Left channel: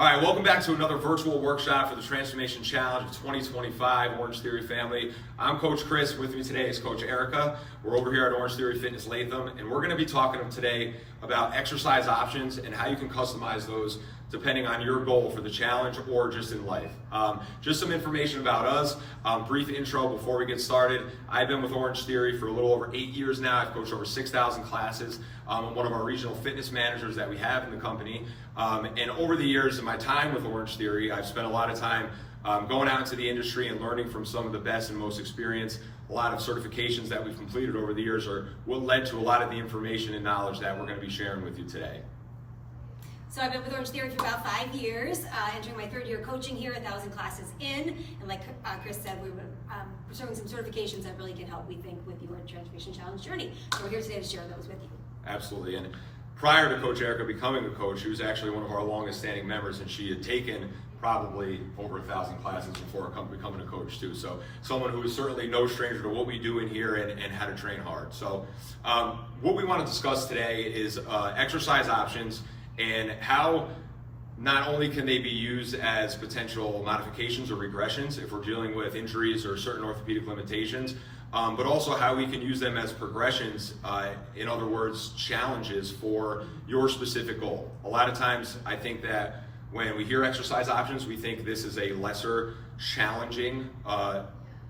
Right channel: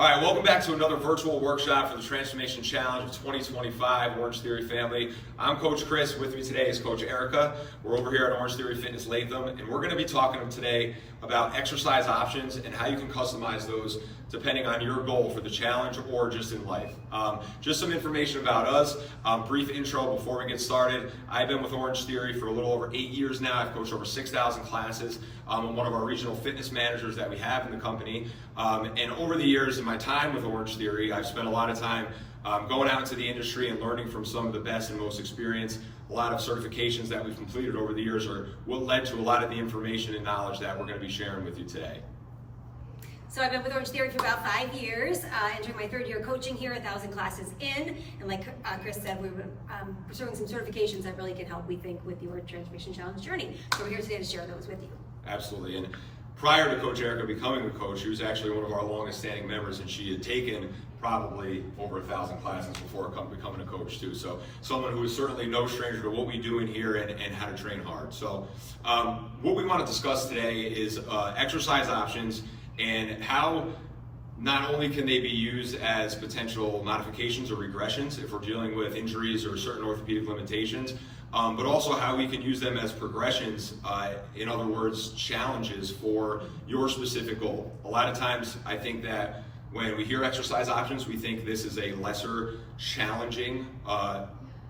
All right, welcome back to another virtual workshop for the Transformation Challenge of 2025, Orange Theory family. I'm Coach Chris. With me today is Coach Erika. We're over here at Orange Theory Fitness Latham, and we're going to be talking today about exercise options and how you can customize those depending on your goal for the challenge or just in life. Just some information about us, brief intro before we get started. I've been with Orange Theory for a little over 8 years now. I've coached over 6,000 classes. I'm one of our regional fitness managers that we have in the company. And over the years in my time with Orange Theory, I've spent a lot of time going out into the industry and learning from some of the best and most experienced. A lot of certifications that we've completed over the years are what led to a lot of the information and knowledge that we're going to be sharing with you today. So I've been with Orange Theory for about 5 years, entering my third year coaching here, 1,000 classes in. And like Chris said, we're pursuing some certifications that really can help, we think, with your Transformation Challenge journey. So we're here today to share those with you. Absolutely. And prior to Coach Erika becoming a coach, she was actually one of our longest standing members, and she had taken probably over 1,000 classes before becoming a coach too. So someone who is certainly no stranger to what we do in here and how to train hard. So what we want to discuss today is exercise options and how not only can they be used as potential modifications or regressions if we're dealing with injuries or certain orthopedic limitations, but also how we can use them as progressions, in other words, challenges for your specific goal. A lot of times I think that when we hear exercise options, we think this is a lesser challenging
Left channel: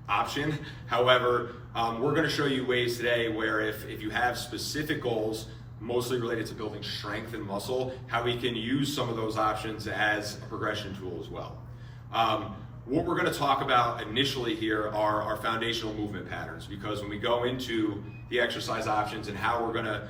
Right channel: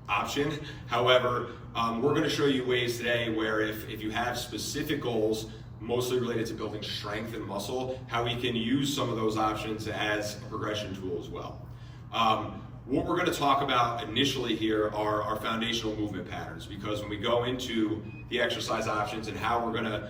option. However, we're going to show you ways today where if you have specific goals, mostly related to building strength and muscle, how we can use some of those options as a progression tool as well. What we're going to talk about initially here are our foundational movement patterns, because when we go into the exercise options and how we're going to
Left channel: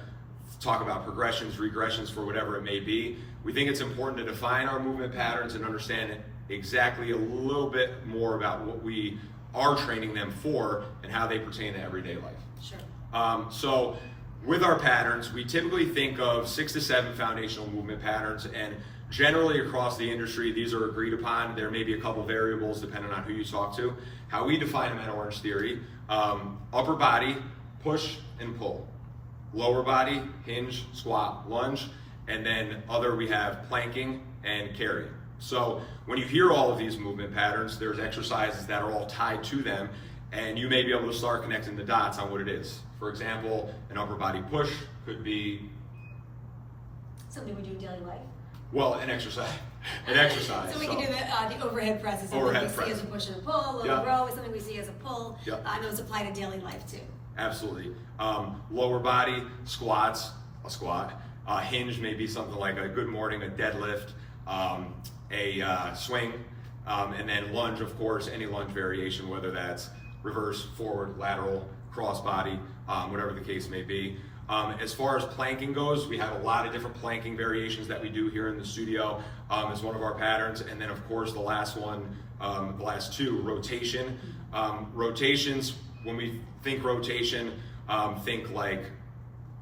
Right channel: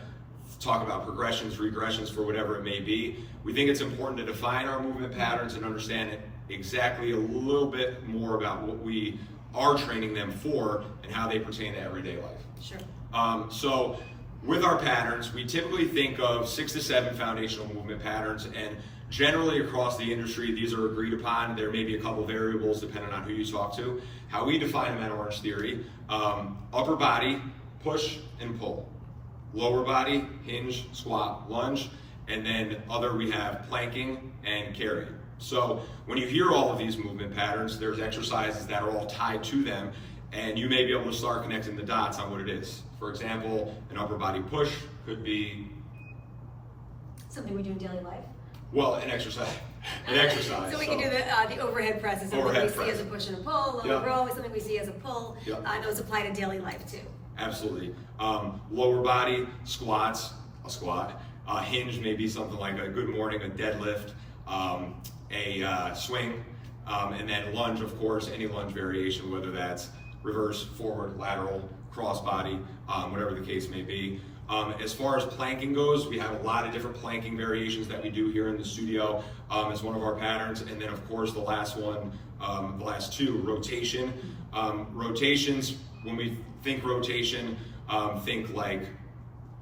talk about progressions, regressions for whatever it may be, we think it's important to define our movement patterns and understand exactly a little bit more about what we are training them for and how they pertain to everyday life. Sure. So with our patterns, we typically think of 6 to 7 foundational movement patterns, and generally across the industry, these are agreed upon. There may be a couple variables depending on who you talk to. How we define them at Orange Theory: upper body, push and pull; lower body, hinge, squat, lunge; and then other, we have planking and carry. So when you hear all of these movement patterns, there's exercises that are all tied to them, and you may be able to start connecting the dots on what it is. For example, an upper body push could be Something we do in daily life. well, an exercise. An exercise. So we can do the overhead press. Is something Overhead we press. see as a push and a pull. Low row is something we see as a pull. Yep. Those apply to daily life too. Absolutely. Lower body squats, a squat. Hinge may be something like a good morning, a deadlift, a swing, and then lunge, of course, any lunge variation, whether that's reverse, forward, lateral, cross body, whatever the case may be. As far as planking goes, we have a lot of different planking variations that we do here in the studio as one of our patterns. And then, of course, the last one, the last two, rotation. Rotations, when we think rotation, think like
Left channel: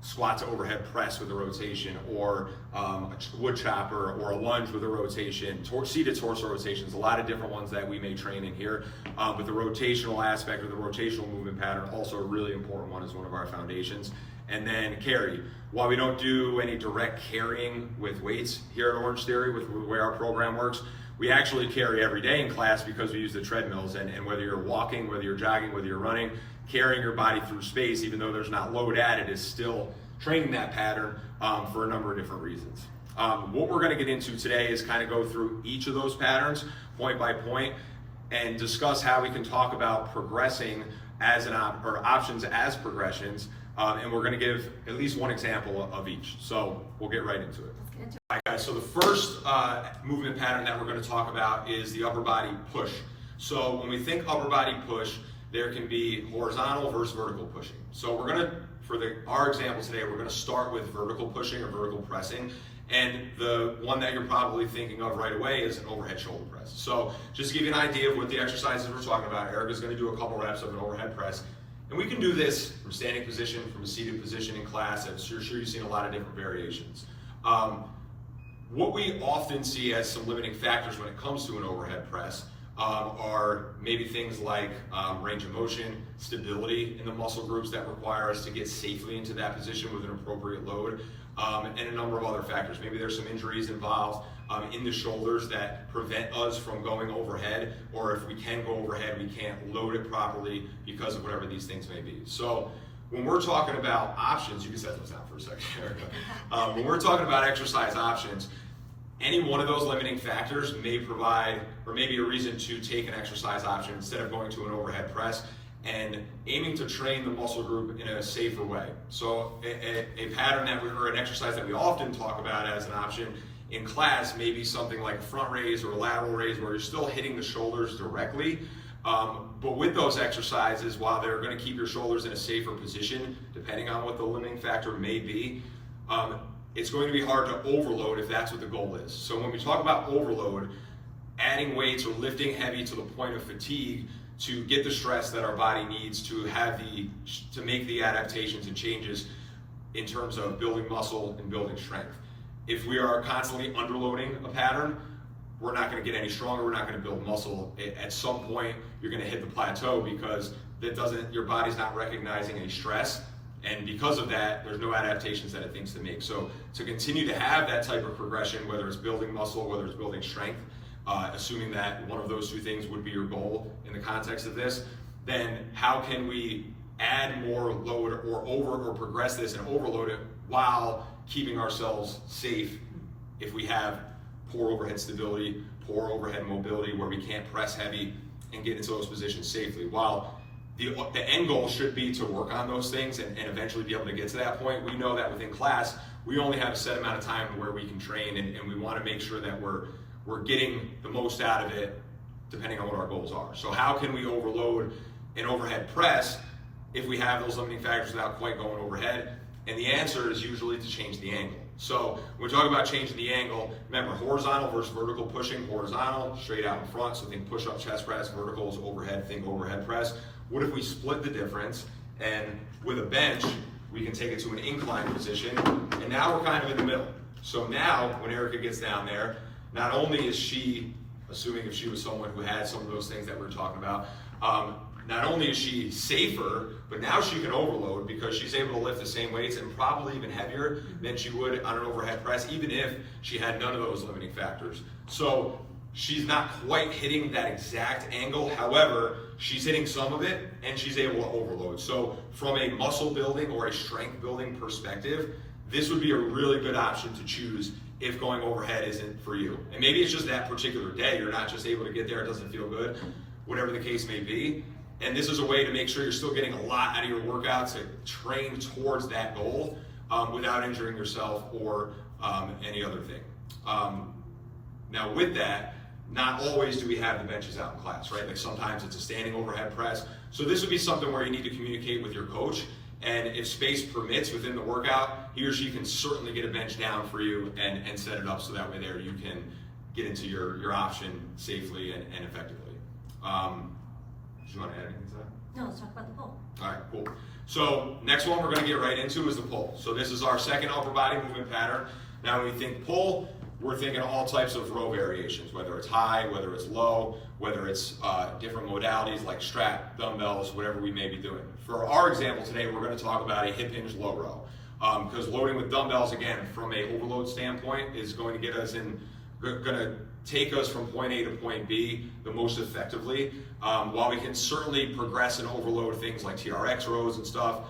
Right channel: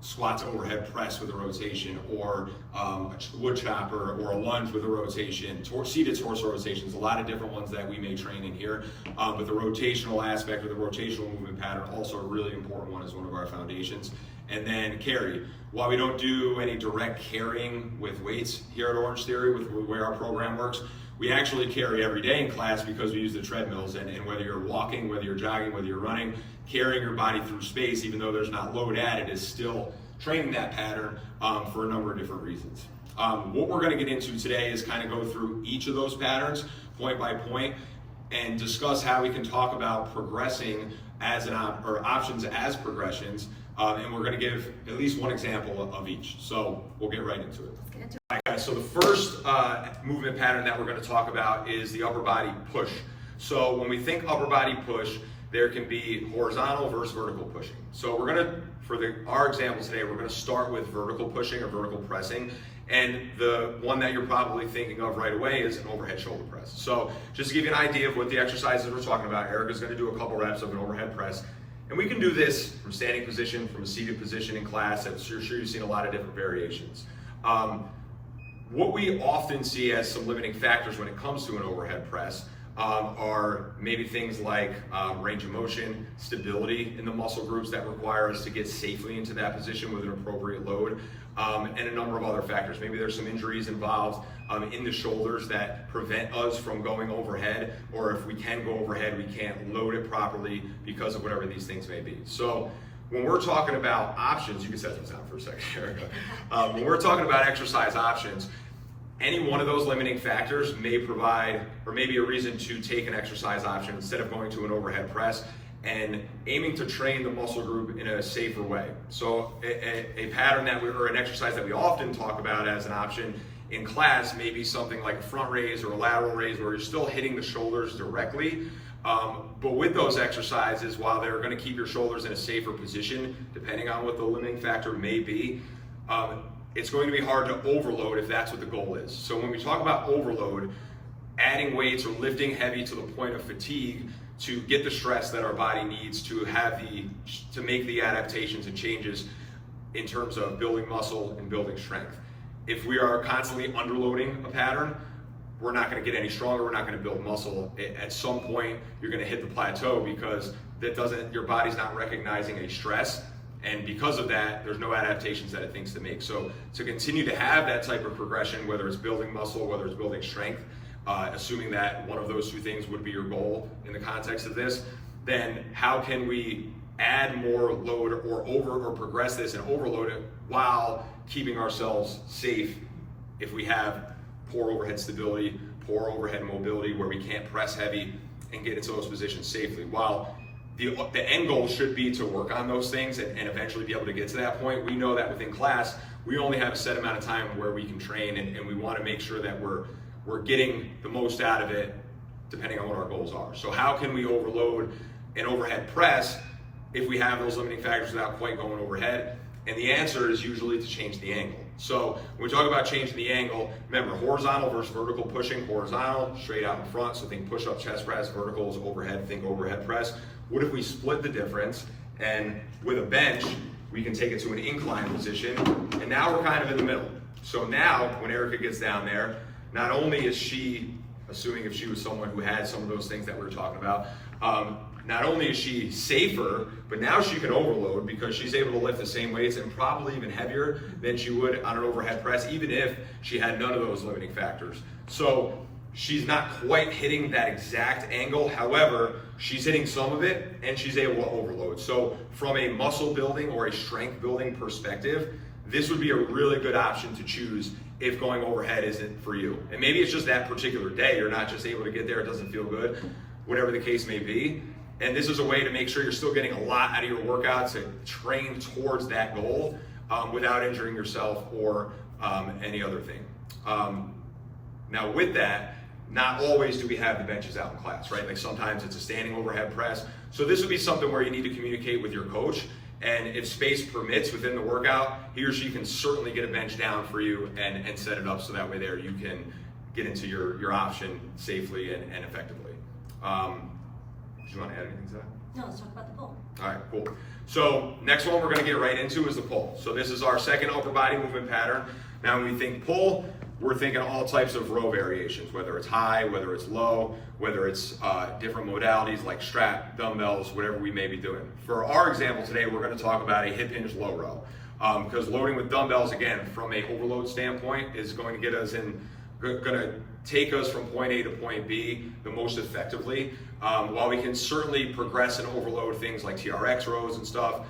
squat to overhead press with a rotation, or a wood chopper, or a lunge with a rotation, seated torso rotations, a lot of different ones that we may train in here. But the rotational aspect, or the rotational movement pattern, also a really important one, is one of our foundations. And then carry. While we don't do any direct carrying with weights here at Orange Theory, with the way our program works, we actually carry every day in class because we use the treadmills, and whether you're walking, whether you're jogging, whether you're running, carrying your body through space, even though there's not load added, is still training that pattern for a number of different reasons. What we're going to get into today is kind of go through each of those patterns point by point and discuss how we can talk about progressing as or options as progressions, and we're going to give at least one example of each. So we'll get right into it. Let's get into it. All right, guys, so the first movement pattern that we're going to talk about is the upper body push. So when we think upper body push, there can be horizontal versus vertical pushing. So we're going to, for our example today, we're going to start with vertical pushing or vertical pressing. And the one that you're probably thinking of right away is an overhead shoulder press. So just to give you an idea of what the exercises we're talking about, Erika's going to do a couple reps of an overhead press. And we can do this from standing position, from a seated position in class. I'm sure you've seen a lot of different variations. What we often see as some limiting factors when it comes to an overhead press are maybe things like range of motion, stability in the muscle groups that require us to get safely into that position with an appropriate load. and a number of other factors. Maybe there's some injuries involved in the shoulders that prevent us from going overhead, or if we can go overhead, we can't load it properly because of whatever these things may be. So when we're talking about options, you can set those down for a second, Erika. When we're talking about exercise options, any one of those limiting factors may provide, or may be a reason to take an exercise option instead of going to an overhead press and aiming to train the muscle group in a safer way. So a pattern that or an exercise that we often talk about as an option in class may be something like a front raise or a lateral raise where you're still hitting the shoulders directly. But with those exercises, while they're going to keep your shoulders in a safer position, depending on what the limiting factor may be, it's going to be hard to overload if that's what the goal is. So when we talk about overload, adding weights or lifting heavy to the point of fatigue to get the stress that our body needs to make the adaptations and changes in terms of building muscle and building strength. If we are constantly underloading a pattern, we're not going to get any stronger, we're not going to build muscle. At some point, you're going to hit the plateau because your body's not recognizing any stress, and because of that, there's no adaptations that it thinks to make. So to continue to have that type of progression, whether it's building muscle, whether it's building strength, assuming that one of those two things would be your goal in the context of this, then how can we add more load or progress this and overload it while keeping ourselves safe if we have poor overhead stability, poor overhead mobility where we can't press heavy and get into those positions safely. While the end goal should be to work on those things and eventually be able to get to that point, we know that within class, we only have a set amount of time where we can train, and we want to make sure that we're getting the most out of it depending on what our goals are. So how can we overload an overhead press if we have those limiting factors without quite going overhead? And the answer is usually to change the angle. So when we talk about changing the angle, remember horizontal versus vertical pushing, horizontal, straight out in front, so think push-up chest press, vertical is overhead, think overhead press. What if we split the difference, and with a bench, we can take it to an incline position, and now we're kind of in the middle. So now, when Erika gets down there, not only is she, assuming if she was someone who had some of those things that we were talking about, not only is she safer, but now she can overload because she's able to lift the same weights and probably even heavier than she would on an overhead press, even if she had none of those limiting factors. So she's not quite hitting that exact angle. However, she's hitting some of it and she's able to overload. So from a muscle building or a strength building perspective, this would be a really good option to choose if going overhead isn't for you. And maybe it's just that particular day, you're not just able to get there, it doesn't feel good, whatever the case may be. And this is a way to make sure you're still getting a lot out of your workout to train towards that goal without injuring yourself or any other thing. Now with that, not always do we have the benches out in class, right? Like sometimes it's a standing overhead press. So this would be something where you need to communicate with your coach, and if space permits within the workout, he or she can certainly get a bench down for you and set it up so that way there you can get into your option safely and effectively. Do you want to add anything to that? No, let's talk about the pull. All right, cool. So next one we're going to get right into is the pull. So this is our second upper body movement pattern. Now when we think pull, we're thinking all types of row variations, whether it's high, whether it's low, whether it's different modalities like strap, dumbbells, whatever we may be doing. For our example today, we're going to talk about a hip hinge low row. Because loading with dumbbells, again, from a overload standpoint, is going to get us going to take us from point A to point B the most effectively. While we can certainly progress and overload things like TRX rows and stuff,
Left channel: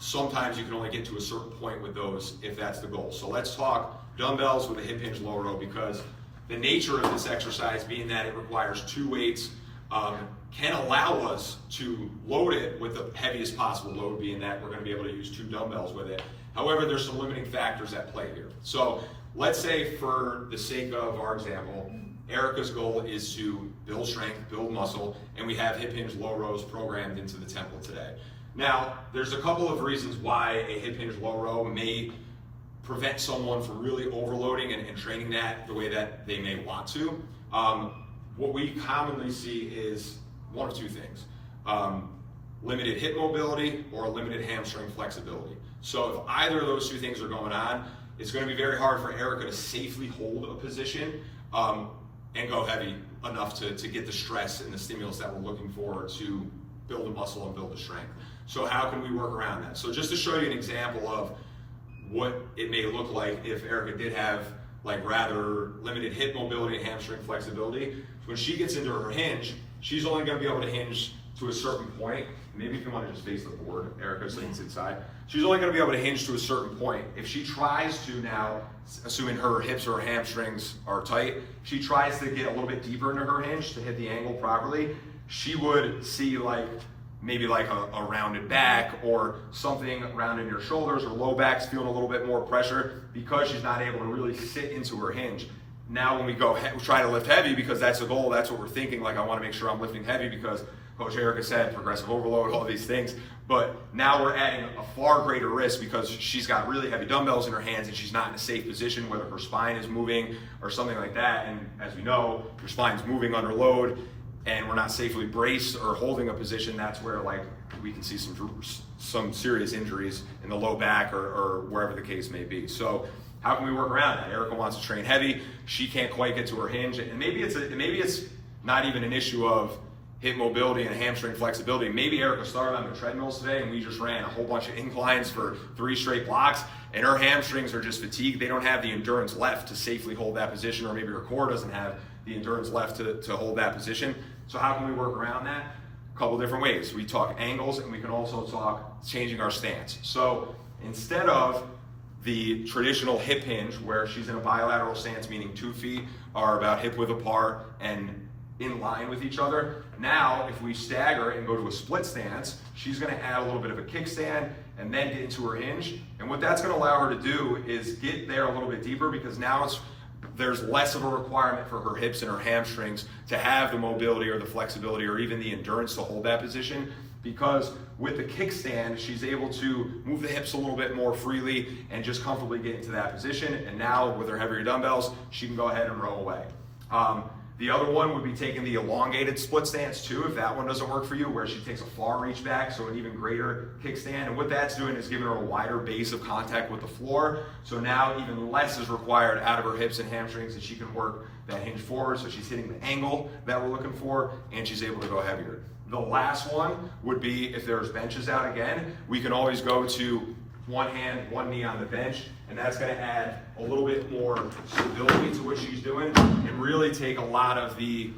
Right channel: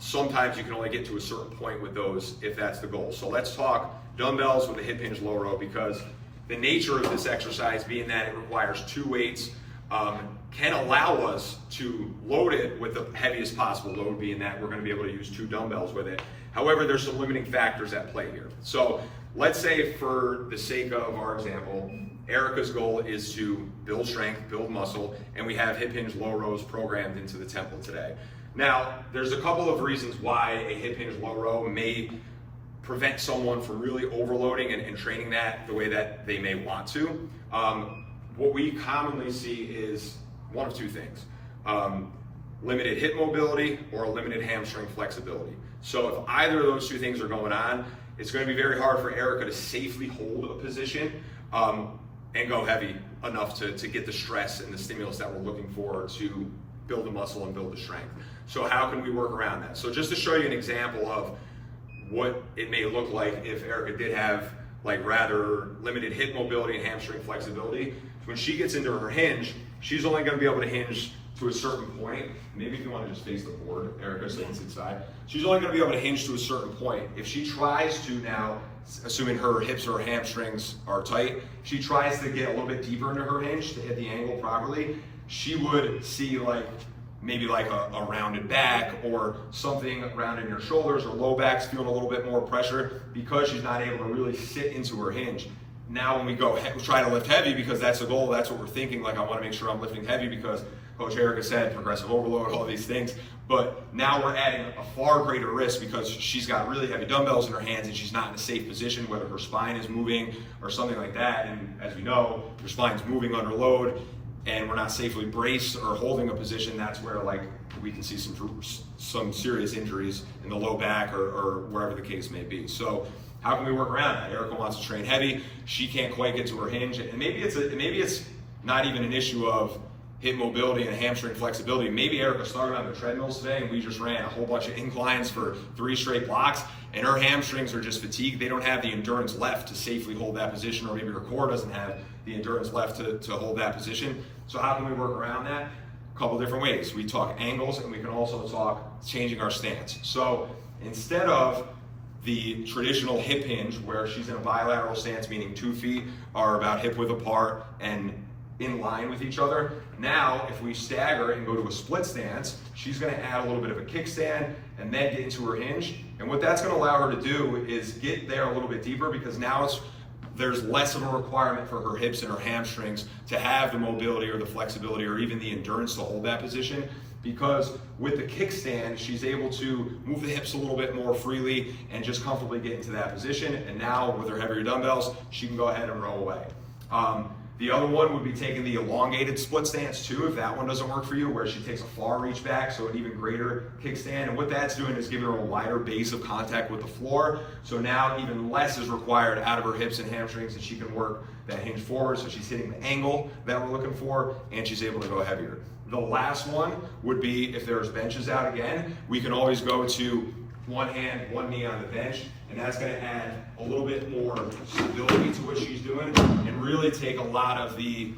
sometimes you can only get to a certain point with those if that's the goal. So let's talk dumbbells with a hip hinge low row, because the nature of this exercise being that it requires two weights can allow us to load it with the heaviest possible load, being that we're going to be able to use two dumbbells with it. However, there's some limiting factors at play here. So let's say for the sake of our example, Erika's goal is to build strength, build muscle, and we have hip hinge low rows programmed into the template today. Now, there's a couple of reasons why a hip hinge low row may prevent someone from really overloading and training that the way that they may want to. What we commonly see is one of two things: limited hip mobility or a limited hamstring flexibility. So if either of those two things are going on, it's going to be very hard for Erika to safely hold a position and go heavy enough to get the stress and the stimulus that we're looking for to build the muscle and build the strength. So how can we work around that? So just to show you an example of what it may look like if Erika did have like rather limited hip mobility and hamstring flexibility. When she gets into her hinge, she's only going to be able to hinge to a certain point. Maybe if you want to just face the board, Erika, so you can sit side. She's only going to be able to hinge to a certain point. If she tries to now, assuming her hips or her hamstrings are tight, she tries to get a little bit deeper into her hinge to hit the angle properly, she would see like maybe like a rounded back or something round in your shoulders, or low back's feeling a little bit more pressure because she's not able to really sit into her hinge. Now when we try to lift heavy, because that's the goal, that's what we're thinking, like I want to make sure I'm lifting heavy because Coach Erika said progressive overload, all of these things. But now we're adding a far greater risk because she's got really heavy dumbbells in her hands and she's not in a safe position, whether her spine is moving or something like that. And as we know, your spine's moving under load and we're not safely braced or holding a position. That's where like we can see some serious injuries in the low back or wherever the case may be. So how can we work around that? Erika wants to train heavy. She can't quite get to her hinge. And maybe it's not even an issue of hip mobility and hamstring flexibility. Maybe Erika started on the treadmills today and we just ran a whole bunch of inclines for 3 straight blocks and her hamstrings are just fatigued. They don't have the endurance left to safely hold that position, or maybe her core doesn't have the endurance left to hold that position. So how can we work around that? A couple different ways. We talk angles and we can also talk changing our stance. So instead of the traditional hip hinge where she's in a bilateral stance, meaning 2 feet are about hip width apart and in line with each other. Now, if we stagger and go to a split stance, she's gonna add a little bit of a kickstand and then get into her hinge. And what that's gonna allow her to do is get there a little bit deeper, because now there's less of a requirement for her hips and her hamstrings to have the mobility or the flexibility or even the endurance to hold that position. Because with the kickstand, she's able to move the hips a little bit more freely and just comfortably get into that position. And now with her heavier dumbbells, she can go ahead and row away. The other one would be taking the elongated split stance too, if that one doesn't work for you, where she takes a far reach back, so an even greater kickstand. And what that's doing is giving her a wider base of contact with the floor. So now even less is required out of her hips and hamstrings, and she can work that hinge forward. So she's hitting the angle that we're looking for, and she's able to go heavier. The last one would be if there's benches out again, we can always go to one hand, one knee on the bench, and that's going to add a little bit more stability to what she's doing and really take a lot of the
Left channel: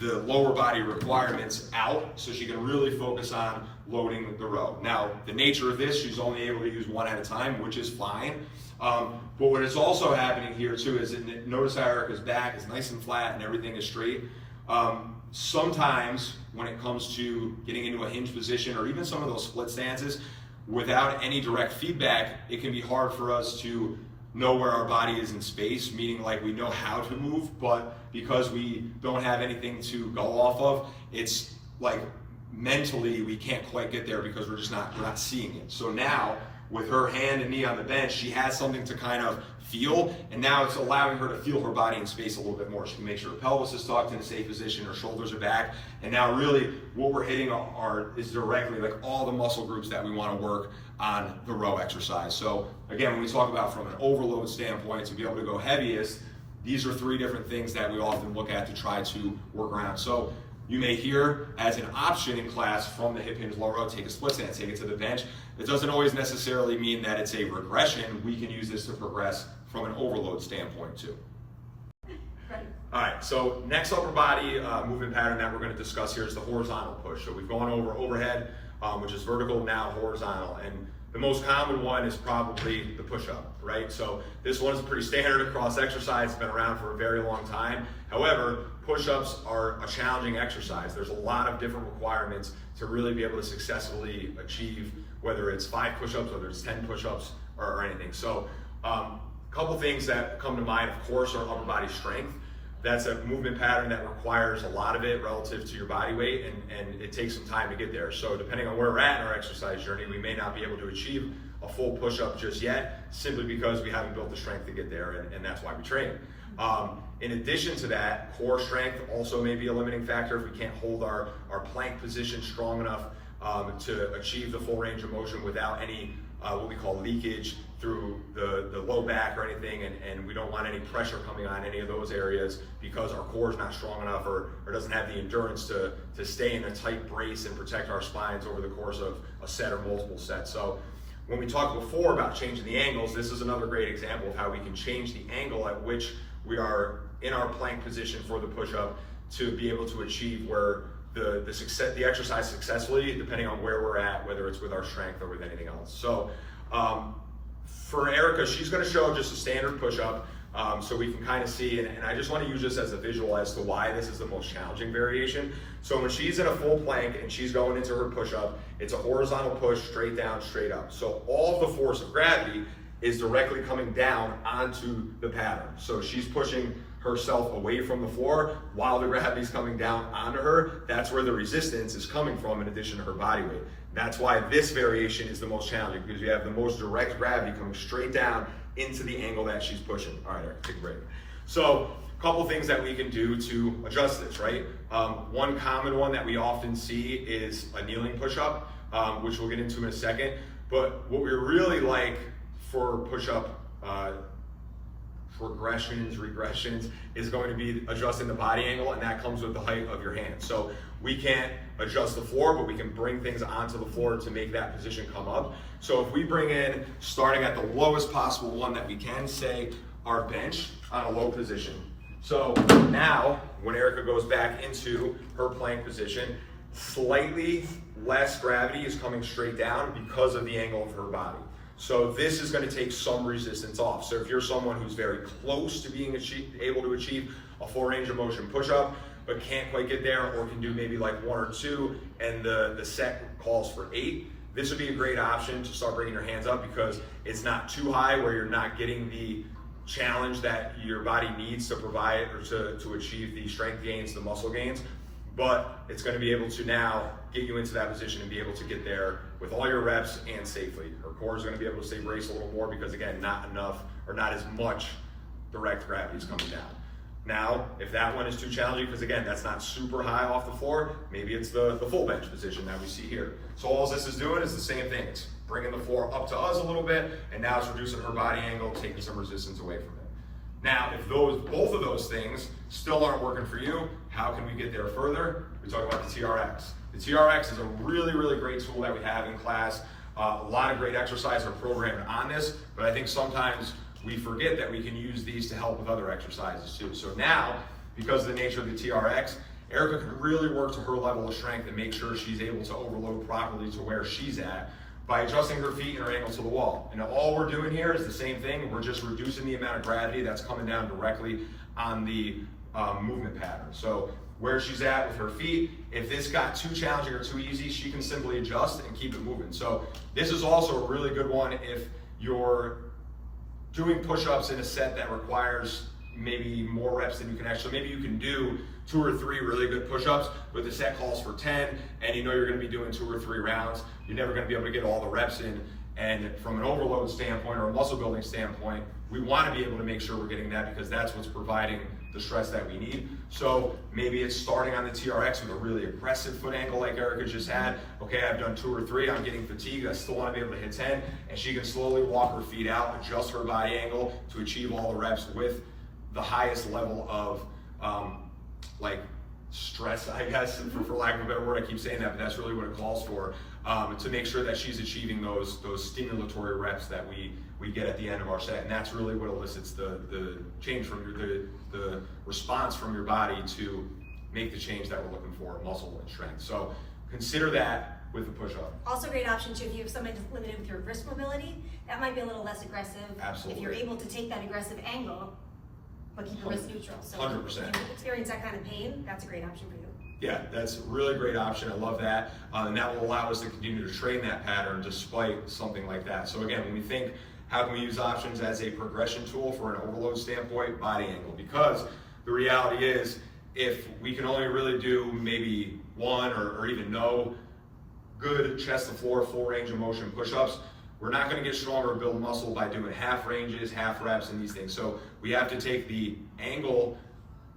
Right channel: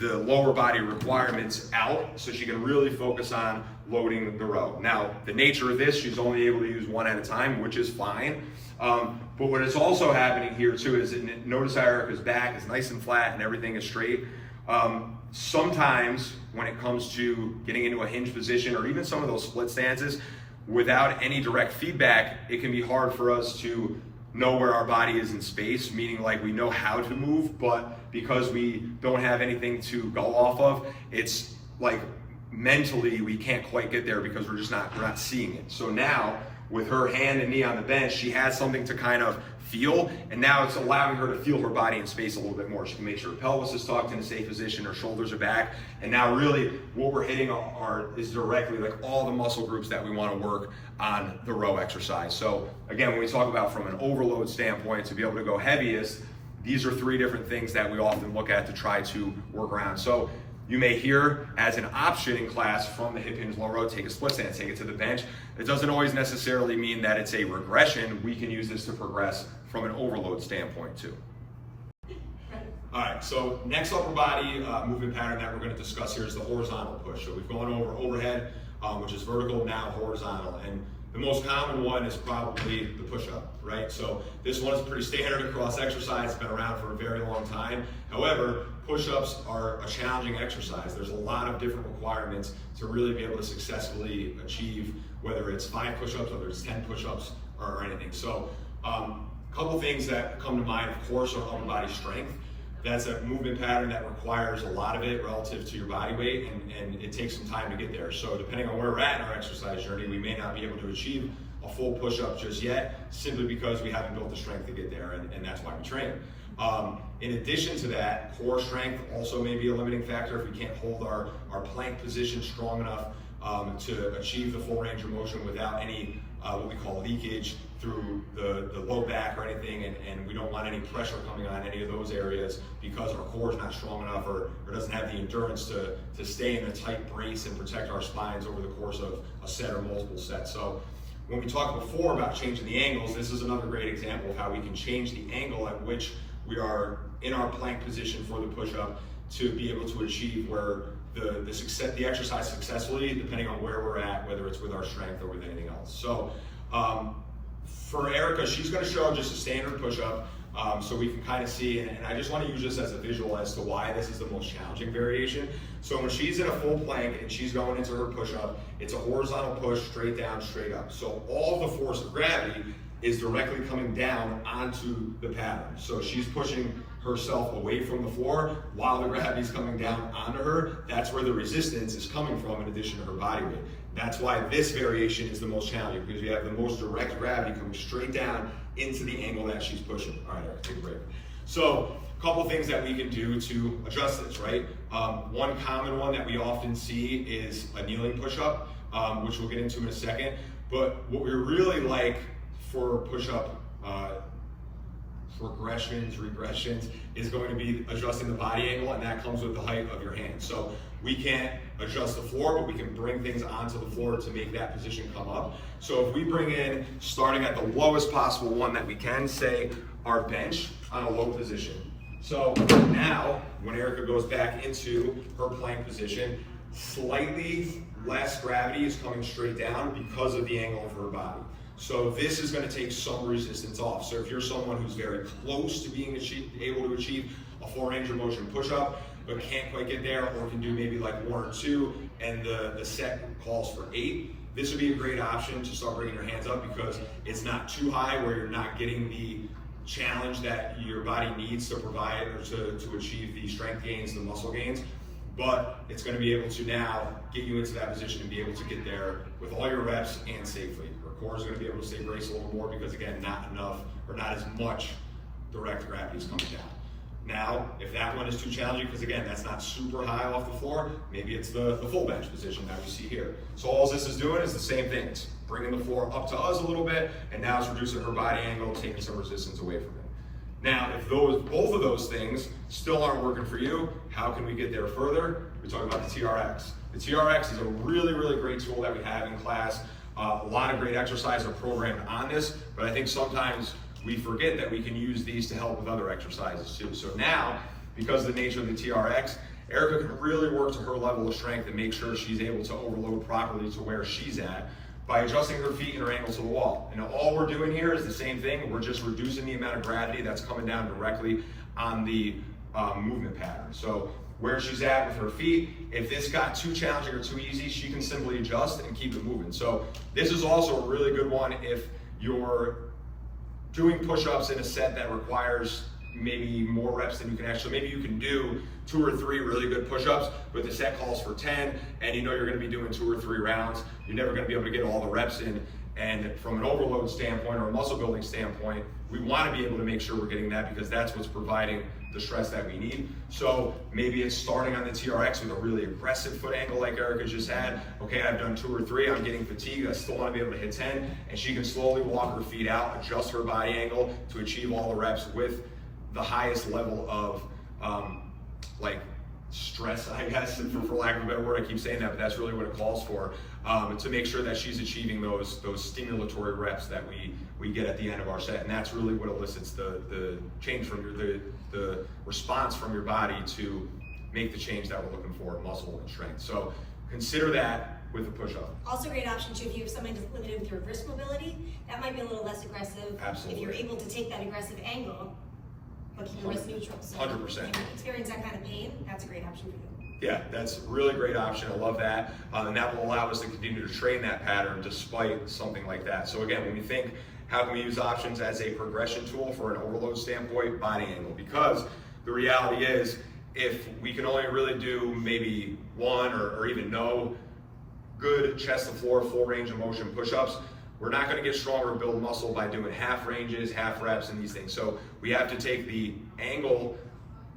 lower body requirements out so she can really focus on loading the row. Now, the nature of this, she's only able to use one at a time, which is fine. But what is also happening here too is notice how Erika's back is nice and flat and everything is straight. Sometimes when it comes to getting into a hinge position or even some of those split stances, without any direct feedback, it can be hard for us to know where our body is in space, meaning like we know how to move, but because we don't have anything to go off of, it's like mentally we can't quite get there because we're not seeing it. So now with her hand and knee on the bench, she has something to kind of feel, and now it's allowing her to feel her body in space a little bit more. She can make sure her pelvis is tucked in a safe position, her shoulders are back, and now really what we're hitting is directly like all the muscle groups that we want to work on the row exercise. So again, when we talk about from an overload standpoint to be able to go heaviest, these are 3 different things that we often look at to try to work around. So you may hear as an option in class from the hip hinge low row, take a split stance, take it to the bench. It doesn't always necessarily mean that it's a regression. We can use this to progress from an overload standpoint too. All right, so next upper body movement pattern that we're going to discuss here is the horizontal push. So we've gone over overhead, which is vertical, now horizontal. And the most common one is probably the push-up, right? So this one is pretty standard across exercise. It's been around for a very long time. However, push-ups are a challenging exercise. There's a lot of different requirements to really be able to successfully achieve, whether it's 5 push-ups, whether it's 10 push-ups, or anything. So a couple things that come to mind, of course, are upper body strength. That's a movement pattern that requires a lot of it relative to your body weight, and it takes some time to get there. So depending on where we're at in our exercise journey, we may not be able to achieve a full push-up just yet, simply because we haven't built the strength to get there, and that's why we train. In addition to that, core strength also may be a limiting factor if we can't hold our plank position strong enough to achieve the full range of motion without any what we call leakage through the low back or anything, and we don't want any pressure coming on any of those areas because our core is not strong enough or doesn't have the endurance to stay in a tight brace and protect our spines over the course of a set or multiple sets. So when we talked before about changing the angles, this is another great example of how we can change the angle at which we are in our plank position for the push-up to be able to achieve where the exercise successfully, depending on where we're at, whether it's with our strength or with anything else. So for Erika, she's going to show just a standard push-up so we can kind of see, and I just want to use this as a visual as to why this is the most challenging variation. So when she's in a full plank and she's going into her push-up, it's a horizontal push, straight down, straight up. So all the force of gravity is directly coming down onto the pattern. So she's pushing herself away from the floor while the gravity is coming down onto her. That's where the resistance is coming from in addition to her body weight. That's why this variation is the most challenging, because you have the most direct gravity coming straight down into the angle that she's pushing. All right, Eric, take a break. So a couple things that we can do to adjust this, right? One common one that we often see is a kneeling push-up, which we'll get into in a second. But what we really like for push-up regressions is going to be adjusting the body angle, and that comes with the height of your hands. So we can't adjust the floor, but we can bring things onto the floor to make that position come up. So if we bring in, starting at the lowest possible one that we can, say our bench on a low position. So now when Erika goes back into her plank position, slightly less gravity is coming straight down because of the angle of her body. So this is going to take some resistance off. So if you're someone who's very close to being able to achieve a full range of motion push-up, but can't quite get there, or can do maybe like 1 or 2, and the set calls for 8, this would be a great option to start bringing your hands up, because it's not too high where you're not getting the challenge that your body needs to provide or to achieve the strength gains, the muscle gains, but it's going to be able to now get you into that position and be able to get there with all your reps and safely. Her core is going to be able to stay braced a little more because, again, not enough or not as much direct gravity is coming down. Now, if that one is too challenging, because again, that's not super high off the floor, maybe it's the full bench position that we see here. So all this is doing is the same thing. It's bringing the floor up to us a little bit, and now it's reducing her body angle, taking some resistance away from it. Now, if both of those things still aren't working for you, how can we get there further? We talk about the TRX. The TRX is a really, really great tool that we have in class. A lot of great exercises are programmed on this, but I think sometimes we forget that we can use these to help with other exercises too. So now, because of the nature of the TRX, Erika can really work to her level of strength and make sure she's able to overload properly to where she's at by adjusting her feet and her ankle to the wall. And all we're doing here is the same thing. We're just reducing the amount of gravity that's coming down directly on the movement pattern. So where she's at with her feet, if this got too challenging or too easy, she can simply adjust and keep it moving. So this is also a really good one if you're doing push-ups in a set that requires maybe more reps than you can actually. Maybe you can do 2 or 3 really good push-ups, but the set calls for 10, and you know you're going to be doing 2 or 3 rounds. You're never going to be able to get all the reps in. And from an overload standpoint or a muscle building standpoint, we want to be able to make sure we're getting that, because that's what's providing the stress that we need. So maybe it's starting on the TRX with a really aggressive foot angle like Erika just had. Okay, I've done 2 or 3, I'm getting fatigued, I still want to be able to hit 10, and she can slowly walk her feet out, adjust her body angle to achieve all the reps with the highest level of like stress, I guess, for lack of a better word. I keep saying that, but that's really what it calls for, to make sure that she's achieving those stimulatory reps that we get at the end of our set. And that's really what elicits the change from the response from your body to make the change that we're looking for in muscle and strength. So consider that with a push-up. Also a great option too, if you have someone that's limited with your wrist mobility, that might be a little less aggressive. Absolutely. If you're able to take that aggressive angle, but keep your wrist neutral. So 100%. If you experience that kind of pain, that's a great option for you. Yeah, that's a really great option. I love that. And that will allow us to continue to train that pattern despite something like that. So again, when we think, how can we use options as a progression tool for an overload standpoint? Body angle. Because the reality is, if we can only really do maybe 1 or even no good chest to floor, full range of motion push-ups, we're not going to get stronger or build muscle by doing half ranges, half reps, and these things. So we have to take the angle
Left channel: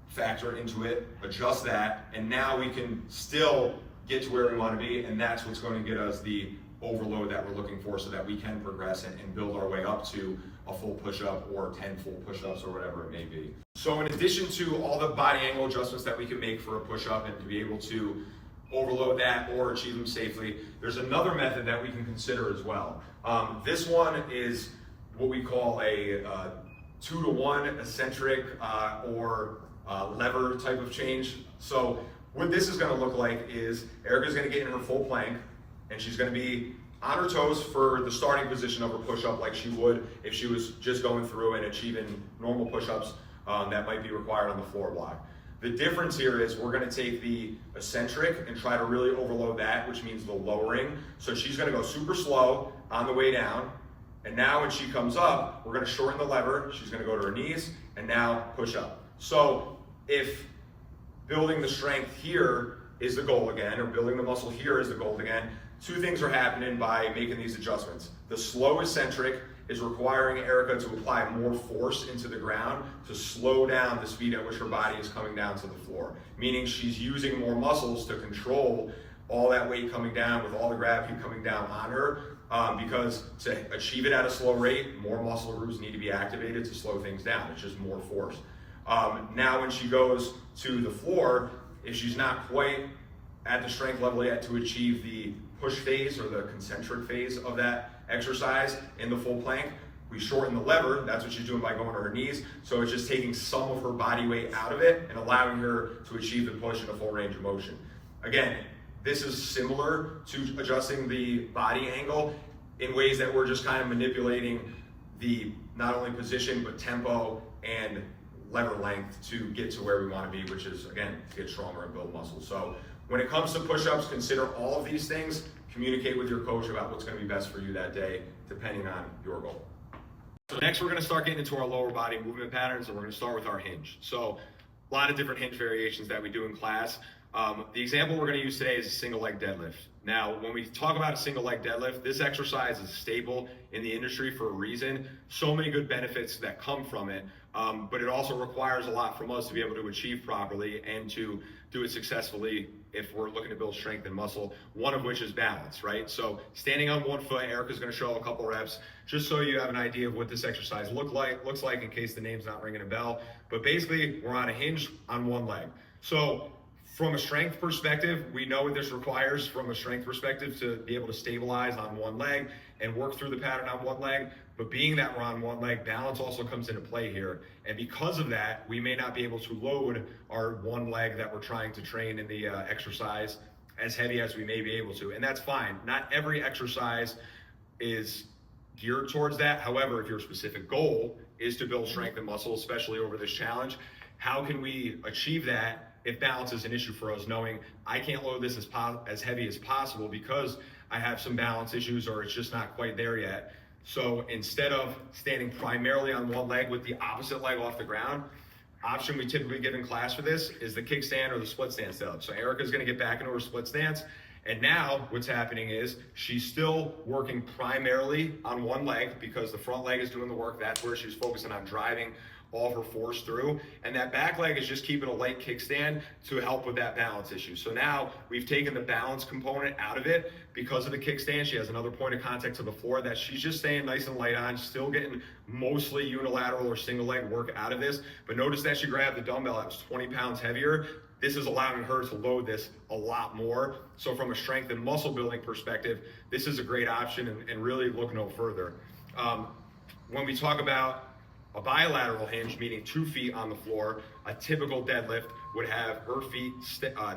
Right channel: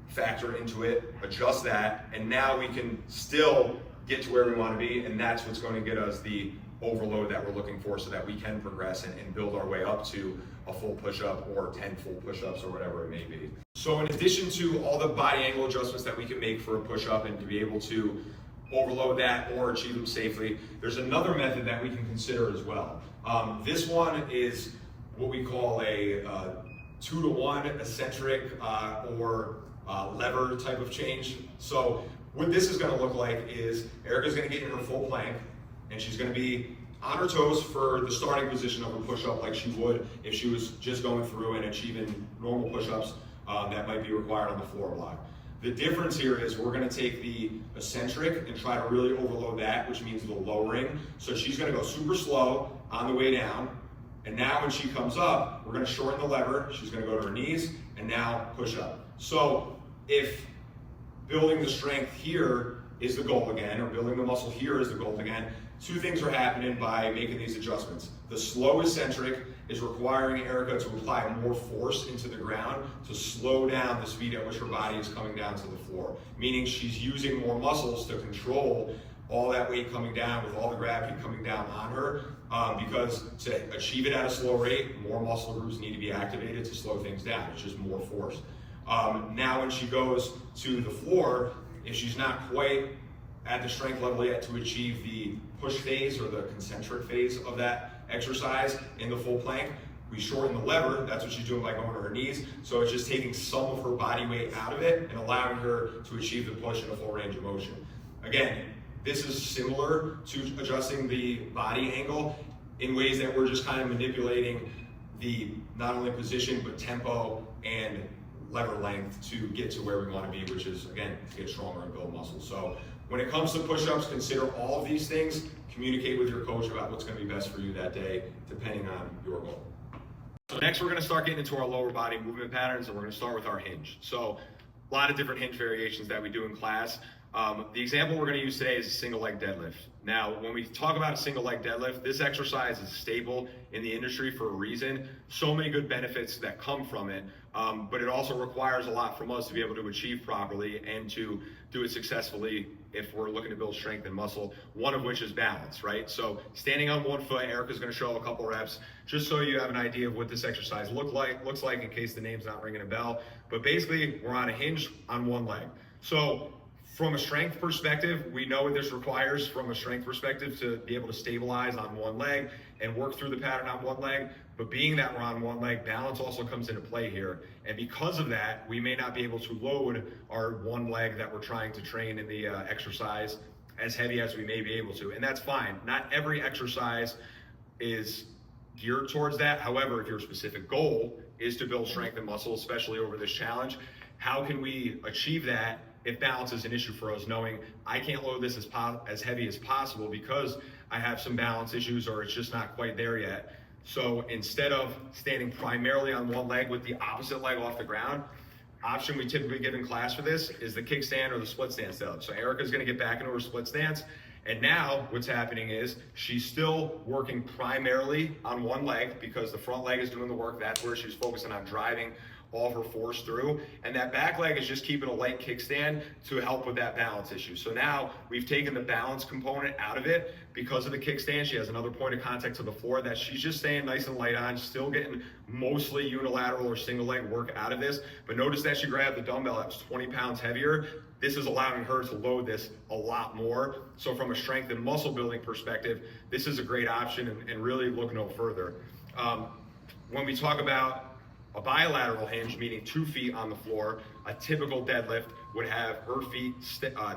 factor into it, adjust that, and now we can still get to where we want to be, and that's what's going to get us the overload that we're looking for so that we can progress and build our way up to a full push-up or 10 full push-ups or whatever it may be. So in addition to all the body angle adjustments that we can make for a push-up and to be able to overload that or achieve them safely, there's another method that we can consider as well. This one is what we call a 2-to-1 eccentric or lever type of change. So what this is going to look like is Erika's going to get in her full plank, and she's going to be on her toes for the starting position of her push-up like she would if she was just going through and achieving normal push-ups that might be required on the floor block. The difference here is we're going to take the eccentric and try to really overload that, which means the lowering. So she's going to go super slow on the way down, and now when she comes up, we're going to shorten the lever. She's going to go to her knees and now push up. So if building the strength here is the goal again, or building the muscle here is the goal again, two things are happening by making these adjustments. The slow eccentric is requiring Erika to apply more force into the ground to slow down the speed at which her body is coming down to the floor, meaning she's using more muscles to control all that weight coming down with all the gravity coming down on her, because to achieve it at a slow rate, more muscle groups need to be activated to slow things down. It's just more force. Now when she goes to the floor, if she's not quite at the strength level yet to achieve the push phase or the concentric phase of that exercise in the full plank, we shorten the lever. That's what she's doing by going to her knees. So it's just taking some of her body weight out of it and allowing her to achieve the push in a full range of motion. Again, this is similar to adjusting the body angle in ways that we're just kind of manipulating the not only position but tempo and lever length to get to where we want to be, which is, again, to get stronger and build muscle. So when it comes to push-ups, consider all of these things. Communicate with your coach about what's going to be best for you that day, depending on your goal. So next, we're going to start getting into our lower body movement patterns, and we're going to start with our hinge. So a lot of different hinge variations that we do in class. The example we're going to use today is a single leg deadlift. Now, when we talk about a single leg deadlift, this exercise is a staple in the industry for a reason. So many good benefits that come from it, but it also requires a lot from us to be able to achieve properly and to do it successfully if we're looking to build strength and muscle, one of which is balance, right? So standing on one foot, Erika's going to show a couple reps just so you have an idea of what this exercise looks like in case the name's not ringing a bell. But basically, we're on a hinge on one leg. So from a strength perspective, we know what this requires from a strength perspective to be able to stabilize on one leg and work through the pattern on one leg. But being that we're on one leg, balance also comes into play here. And because of that, we may not be able to load our one leg that we're trying to train in the exercise as heavy as we may be able to. And that's fine. Not every exercise is geared towards that. However, if your specific goal is to build strength and muscle, especially over this challenge, how can we achieve that if balance is an issue for us, knowing I can't load this as heavy as possible because I have some balance issues or it's just not quite there yet. So instead of standing primarily on one leg with the opposite leg off the ground, option we typically give in class for this is the kickstand or the split stance setup. So Erika's going to get back into her split stance. And now what's happening is she's still working primarily on one leg because the front leg is doing the work. That's where she's focusing on driving all of her force through. And that back leg is just keeping a light kickstand to help with that balance issue. So now we've taken the balance component out of it because of the kickstand. She has another point of contact to the floor that she's just staying nice and light on, still getting mostly unilateral or single leg work out of this. But notice that she grabbed the dumbbell that was 20 pounds heavier. This is allowing her to load this a lot more. So from a strength and muscle building perspective, this is a great option and really look no further. When we talk about a bilateral hinge, meaning 2 feet on the floor, a typical deadlift would have her feet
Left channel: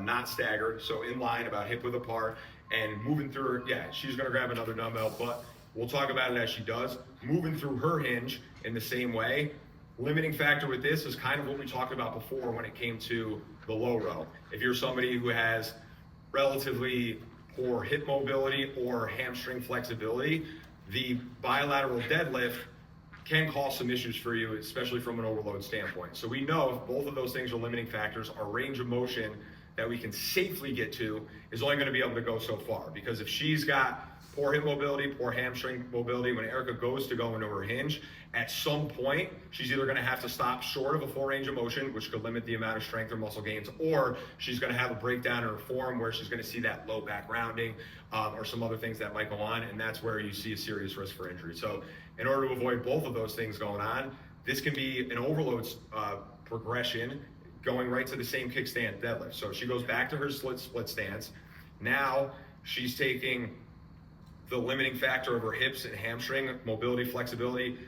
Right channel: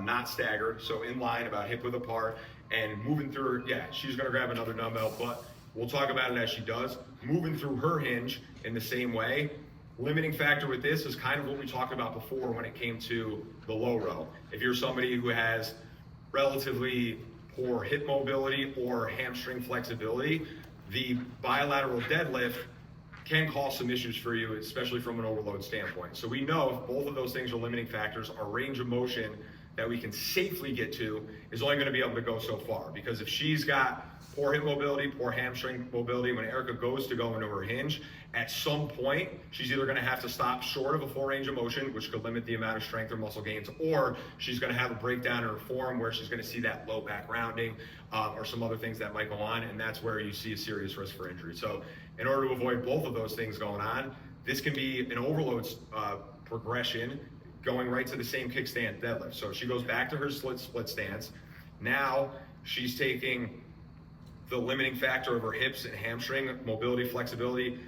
not staggered, so in line, about hip width apart, and moving through her, yeah, she's gonna grab another dumbbell, but we'll talk about it as she does. Moving through her hinge in the same way. Limiting factor with this is kind of what we talked about before when it came to the low row. If you're somebody who has relatively poor hip mobility or hamstring flexibility, the bilateral deadlift can cause some issues for you, especially from an overload standpoint. So we know if both of those things are limiting factors, our range of motion that we can safely get to is only going to be able to go so far. Because if she's got poor hip mobility, poor hamstring mobility, when Erika goes to go into her hinge, at some point, she's either going to have to stop short of a full range of motion, which could limit the amount of strength or muscle gains, or she's going to have a breakdown in her form where she's going to see that low back rounding or some other things that might go on, and that's where you see a serious risk for injury. So in order to avoid both of those things going on, this can be an overload progression going right to the same kickstand deadlift. So she goes back to her split stance. Now she's taking the limiting factor of her hips and hamstring mobility, flexibility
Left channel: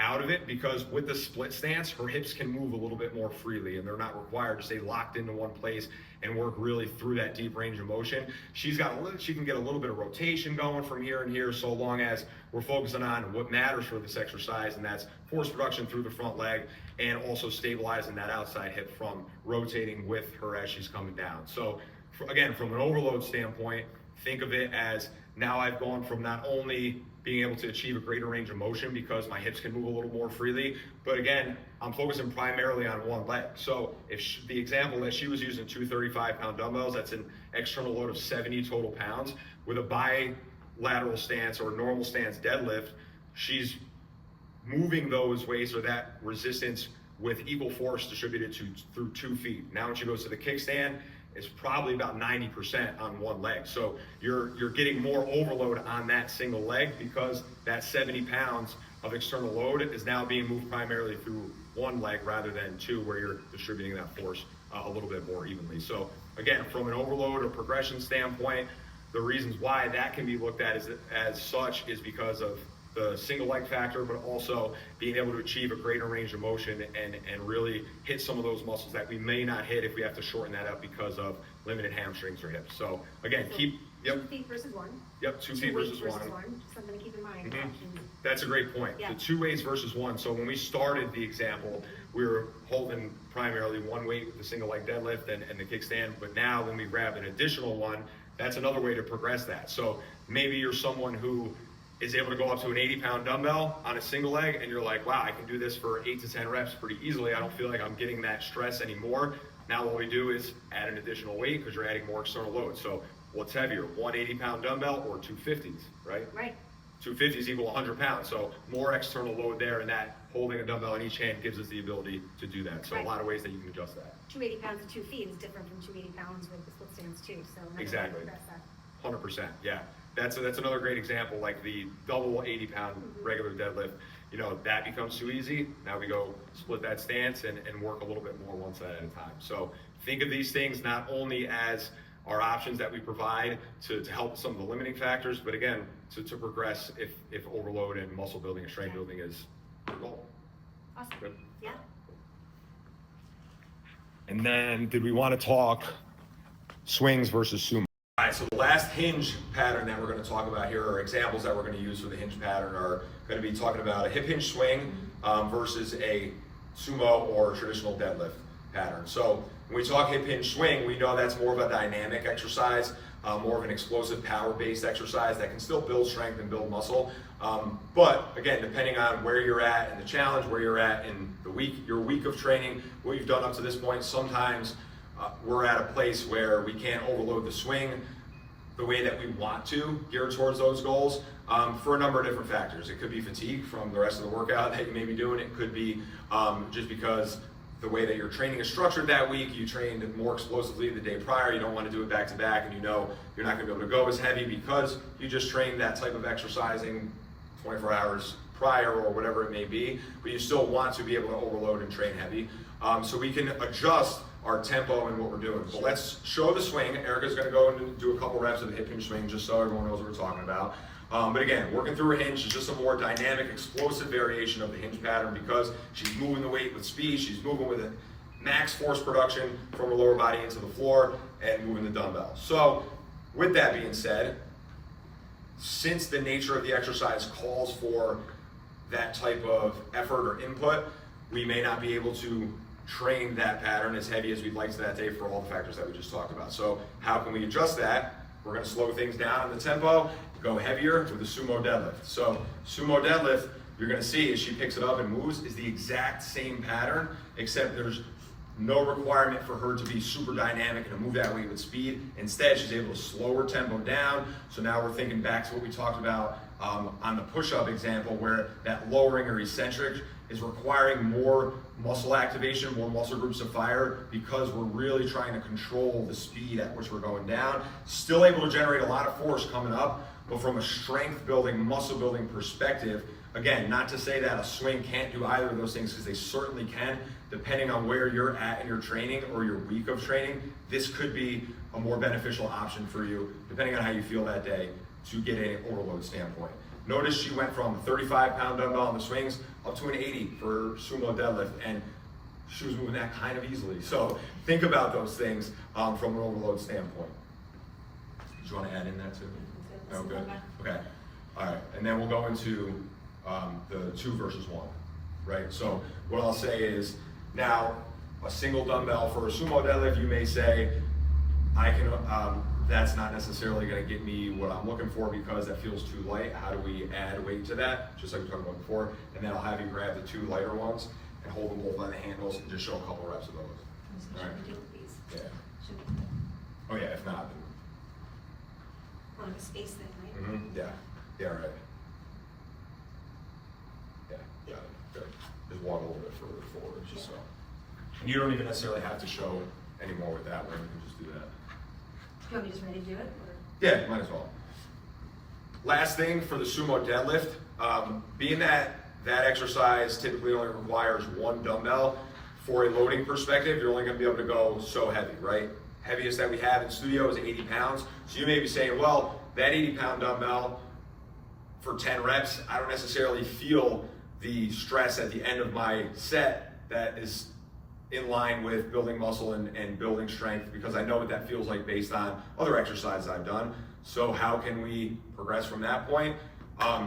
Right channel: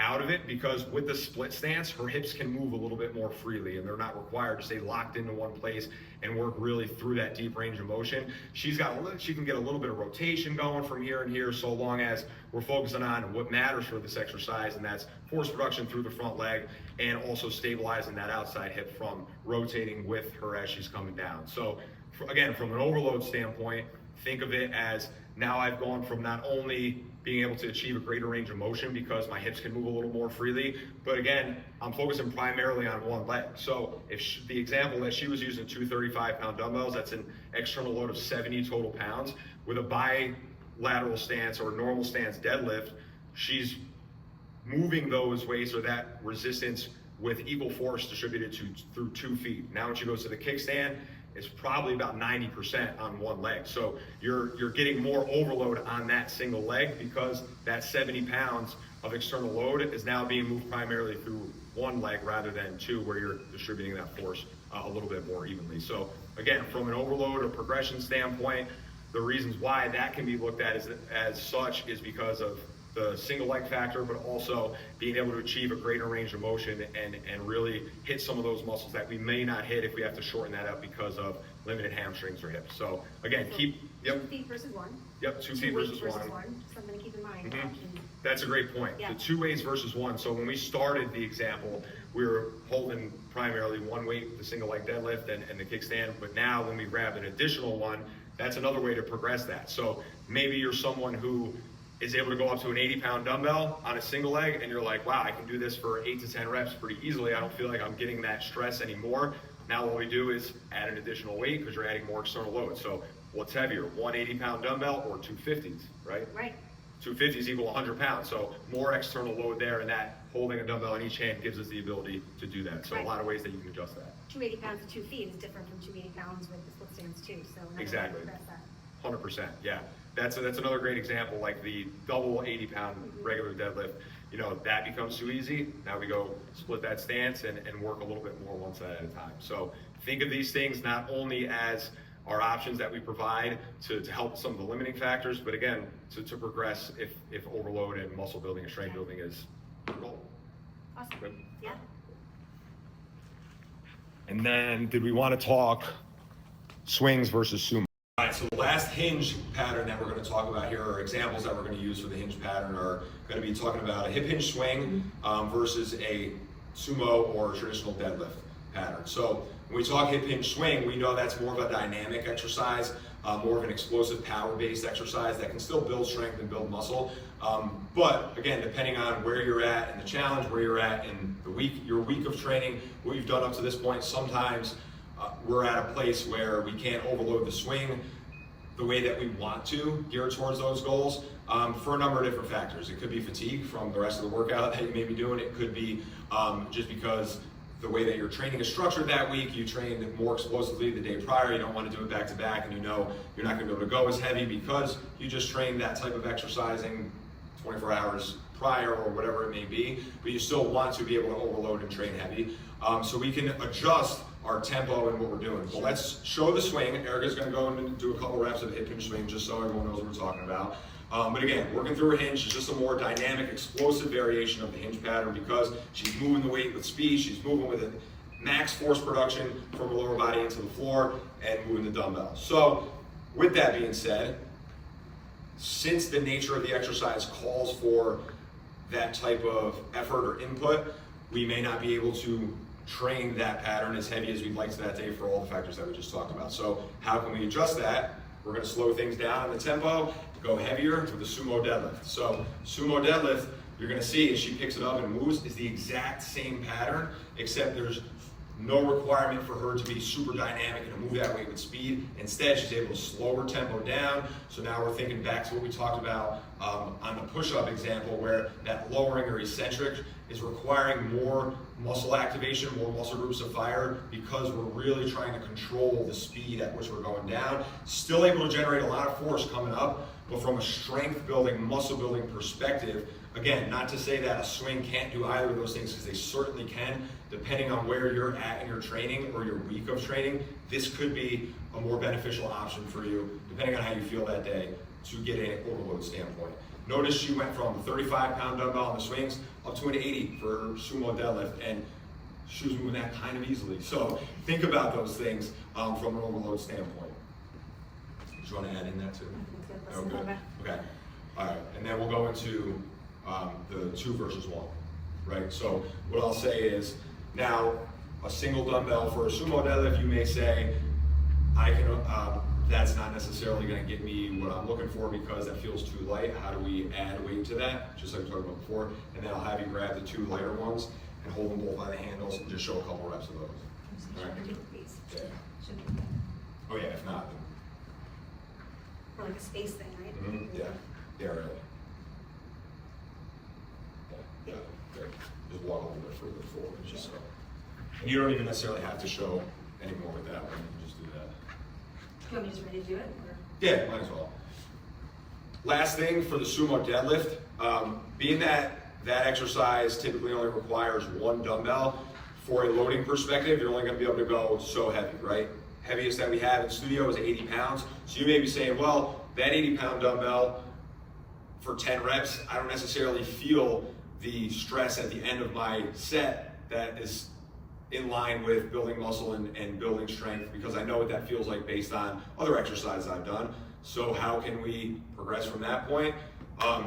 out of it, because with the split stance, her hips can move a little bit more freely and they're not required to stay locked into one place and work really through that deep range of motion. She can get a little bit of rotation going from here and here, so long as we're focusing on what matters for this exercise, and that's force production through the front leg and also stabilizing that outside hip from rotating with her as she's coming down. So again, from an overload standpoint, think of it as, now I've gone from not only being able to achieve a greater range of motion because my hips can move a little more freely, but again, I'm focusing primarily on one leg. So if the example that she was using 235-pound dumbbells, that's an external load of 70 total pounds. With a bilateral stance or normal stance deadlift, she's moving those weights or that resistance with equal force distributed through 2 feet. Now when she goes to the kickstand, it's probably about 90% on one leg. So you're getting more overload on that single leg because that 70 pounds of external load is now being moved primarily through one leg rather than two, where you're distributing that force a little bit more evenly. So again, from an overload or progression standpoint, the reasons why that can be looked at as such is because of the single leg factor, but also being able to achieve a greater range of motion and really hit some of those muscles that we may not hit if we have to shorten that up because of limited hamstrings or hips. So again, So 2 feet versus one. Yep, 2 feet weights versus one. Something to keep in mind. That's a great point. Yeah. The 2 weights versus one. So when we started the example, we were holding primarily one weight, the single leg deadlift and the kickstand. But now when we grab an additional one, that's another way to progress that. So maybe you're someone who is able to go up to an 80-pound dumbbell on a single leg, and you're like, wow, I can do this for 8 to 10 reps pretty easily. I don't feel like I'm getting that stress anymore. Now what we do is add an additional weight because you're adding more external load. So what's heavier, one 80-pound dumbbell or 250s, right? Right. 250s equal 100 pounds. So more external load there, and that holding a dumbbell in each hand gives us the ability to do that. So Right. a lot of ways that you can adjust that. 280 pounds to 2 feet is different from 280 pounds with the split stance too. So another way to Exactly. progress that. 100%, yeah. That's another great example, like the double 80-pound regular deadlift. You know, that becomes too easy. Now we go split that stance and work a little bit more one side at a time. So think of these things not only as our options that we provide to help some of the limiting factors, but again, to progress if overload and muscle building and strength building is your goal. Awesome. Good. Yeah. And then did we want to talk swings versus sumo? All right, so the last hinge pattern that we're going to talk about here, or examples that we're going to use for the hinge pattern, are going to be talking about a hip hinge swing versus a sumo or traditional deadlift pattern. So when we talk hip hinge swing, we know that's more of a dynamic exercise, more of an explosive power-based exercise that can still build strength and build muscle. But again, depending on where you're at in the challenge, where you're at in the week, your week of training, what you've done up to this point, sometimes we're at a place where we can't overload the swing the way that we want to, geared towards those goals, for a number of different factors. It could be fatigue from the rest of the workout that you may be doing. It could be just because the way that your training is structured that week, you trained more explosively the day prior, you don't want to do it back to back, and you know you're not going to be able to go as heavy because you just trained that type of exercising 24 hours prior or whatever it may be, but you still want to be able to overload and train heavy. So we can adjust our tempo and what we're doing. But let's show the swing. Erika's going to go and do a couple reps of the hip hinge swing just so everyone knows what we're talking about. But again, working through a hinge is just a more dynamic, explosive variation of the hinge pattern because she's moving the weight with speed, she's moving with max force production from her lower body into the floor and moving the dumbbell. So with that being said, since the nature of the exercise calls for that type of effort or input, we may not be able to train that pattern as heavy as we'd like to that day for all the factors that we just talked about. So how can we adjust that? We're going to slow things down in the tempo, go heavier with the sumo deadlift. So sumo deadlift, you're going to see as she picks it up and moves, is the exact same pattern, except there's no requirement for her to be super dynamic and to move that weight with speed. Instead, she's able to slow her tempo down. So now we're thinking back to what we talked about on the push-up example, where that lowering or eccentric is requiring more muscle activation, more muscle groups to fire, because we're really trying to control the speed at which we're going down. Still able to generate a lot of force coming up, but from a strength building, muscle building perspective, again, not to say that a swing can't do either of those things, because they certainly can, depending on where you're at in your training or your week of training. This could be a more beneficial option for you, depending on how you feel that day, to get an overload standpoint. Notice she went from a 35-pound dumbbell on the swings up to an 80 for sumo deadlift, and she was moving that kind of easily. So think about those things from an overload standpoint. Do you want to add in that too? Oh, good. Okay. All right. And then we'll go into the 2 versus 1, right? So what I'll say is, now a single dumbbell for a sumo deadlift, you may say, I can. That's not necessarily going to get me what I'm looking for because that feels too light. How do we add weight to that? Just like we talked about before. And then I'll have you grab the 2 lighter ones and hold them both by the handles and just show a couple reps of those. All right. Yeah. Oh yeah. If not, then. Or like a space thing, right? Mm-hmm. Yeah. Yeah. Right. Yeah. Yeah. Good. Just walk a little bit further forward, just so. And you don't even necessarily have to show any more with that one. You can just do that. You want me just ready to do it? Or? Yeah, might as well. Last thing for the sumo deadlift, being that exercise typically only requires 1 dumbbell, for a loading perspective, you're only going to be able to go so heavy, right? Heaviest that we have in studio is 80 pounds. So you may be saying, well, that 80-pound dumbbell for 10 reps, I don't necessarily feel the stress at the end of my set that is in line with building muscle and building strength, because I know what that feels like based on other exercises I've done. So how can we progress from that point?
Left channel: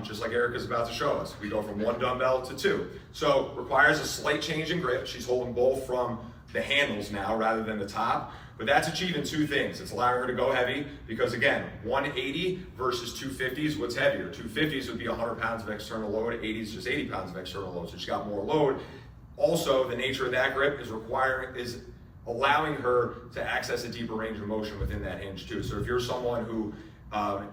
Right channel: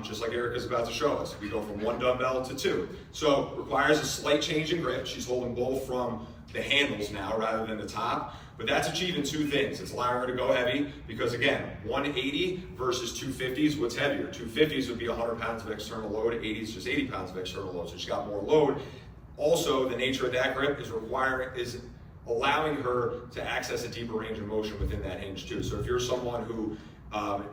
Just like Erika's about to show us, we go from 1 dumbbell to 2. So requires a slight change in grip. She's holding both from the handles now rather than the top, but that's achieving 2 things. It's allowing her to go heavy because, again, 180 versus 250s, what's heavier? 250s would be 100 pounds of external load, 80s just 80 pounds of external load, so she got more load. Also, the nature of that grip is allowing her to access a deeper range of motion within that hinge too. So if you're someone who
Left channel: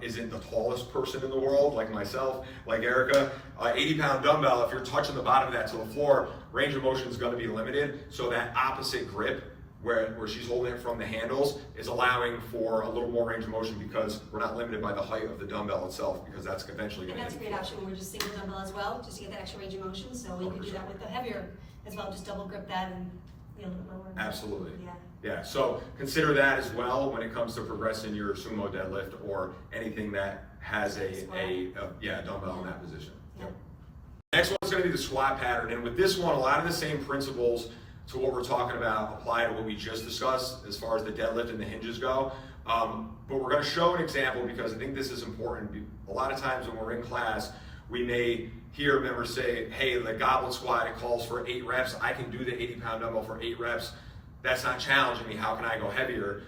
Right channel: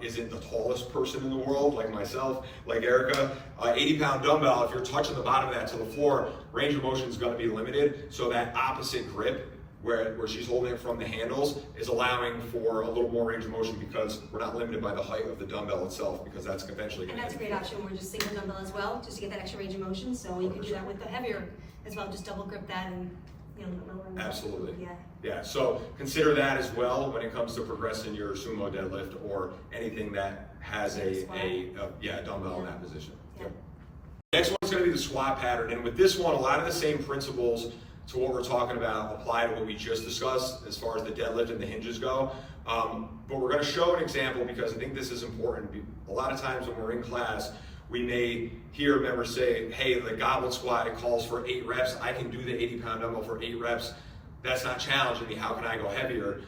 isn't the tallest person in the world, like myself, like Erika, 80-pound dumbbell, if you're touching the bottom of that to the floor, range of motion is going to be limited. So that opposite grip, where she's holding it from the handles, is allowing for a little more range of motion because we're not limited by the height of the dumbbell itself, because that's eventually going to. And that's a great option. We're just single dumbbell as well, just to get that extra range of motion. So we can do that with the heavier as well. Just double grip that and a little bit lower. Absolutely. Yeah. Yeah. So consider that as well when it comes to progressing your sumo deadlift or anything that has a dumbbell in that position. Yeah. Yep. Next one's going to be the squat pattern, and with this one, a lot of the same principles to what we're talking about apply to what we just discussed as far as the deadlift and the hinges go. But we're going to show an example because I think this is important. A lot of times when we're in class, we may hear members say, hey, the Goblin Squat, it calls for 8 reps. I can do the 80-pound dumbbell for 8 reps. That's not challenging me. How can I go heavier?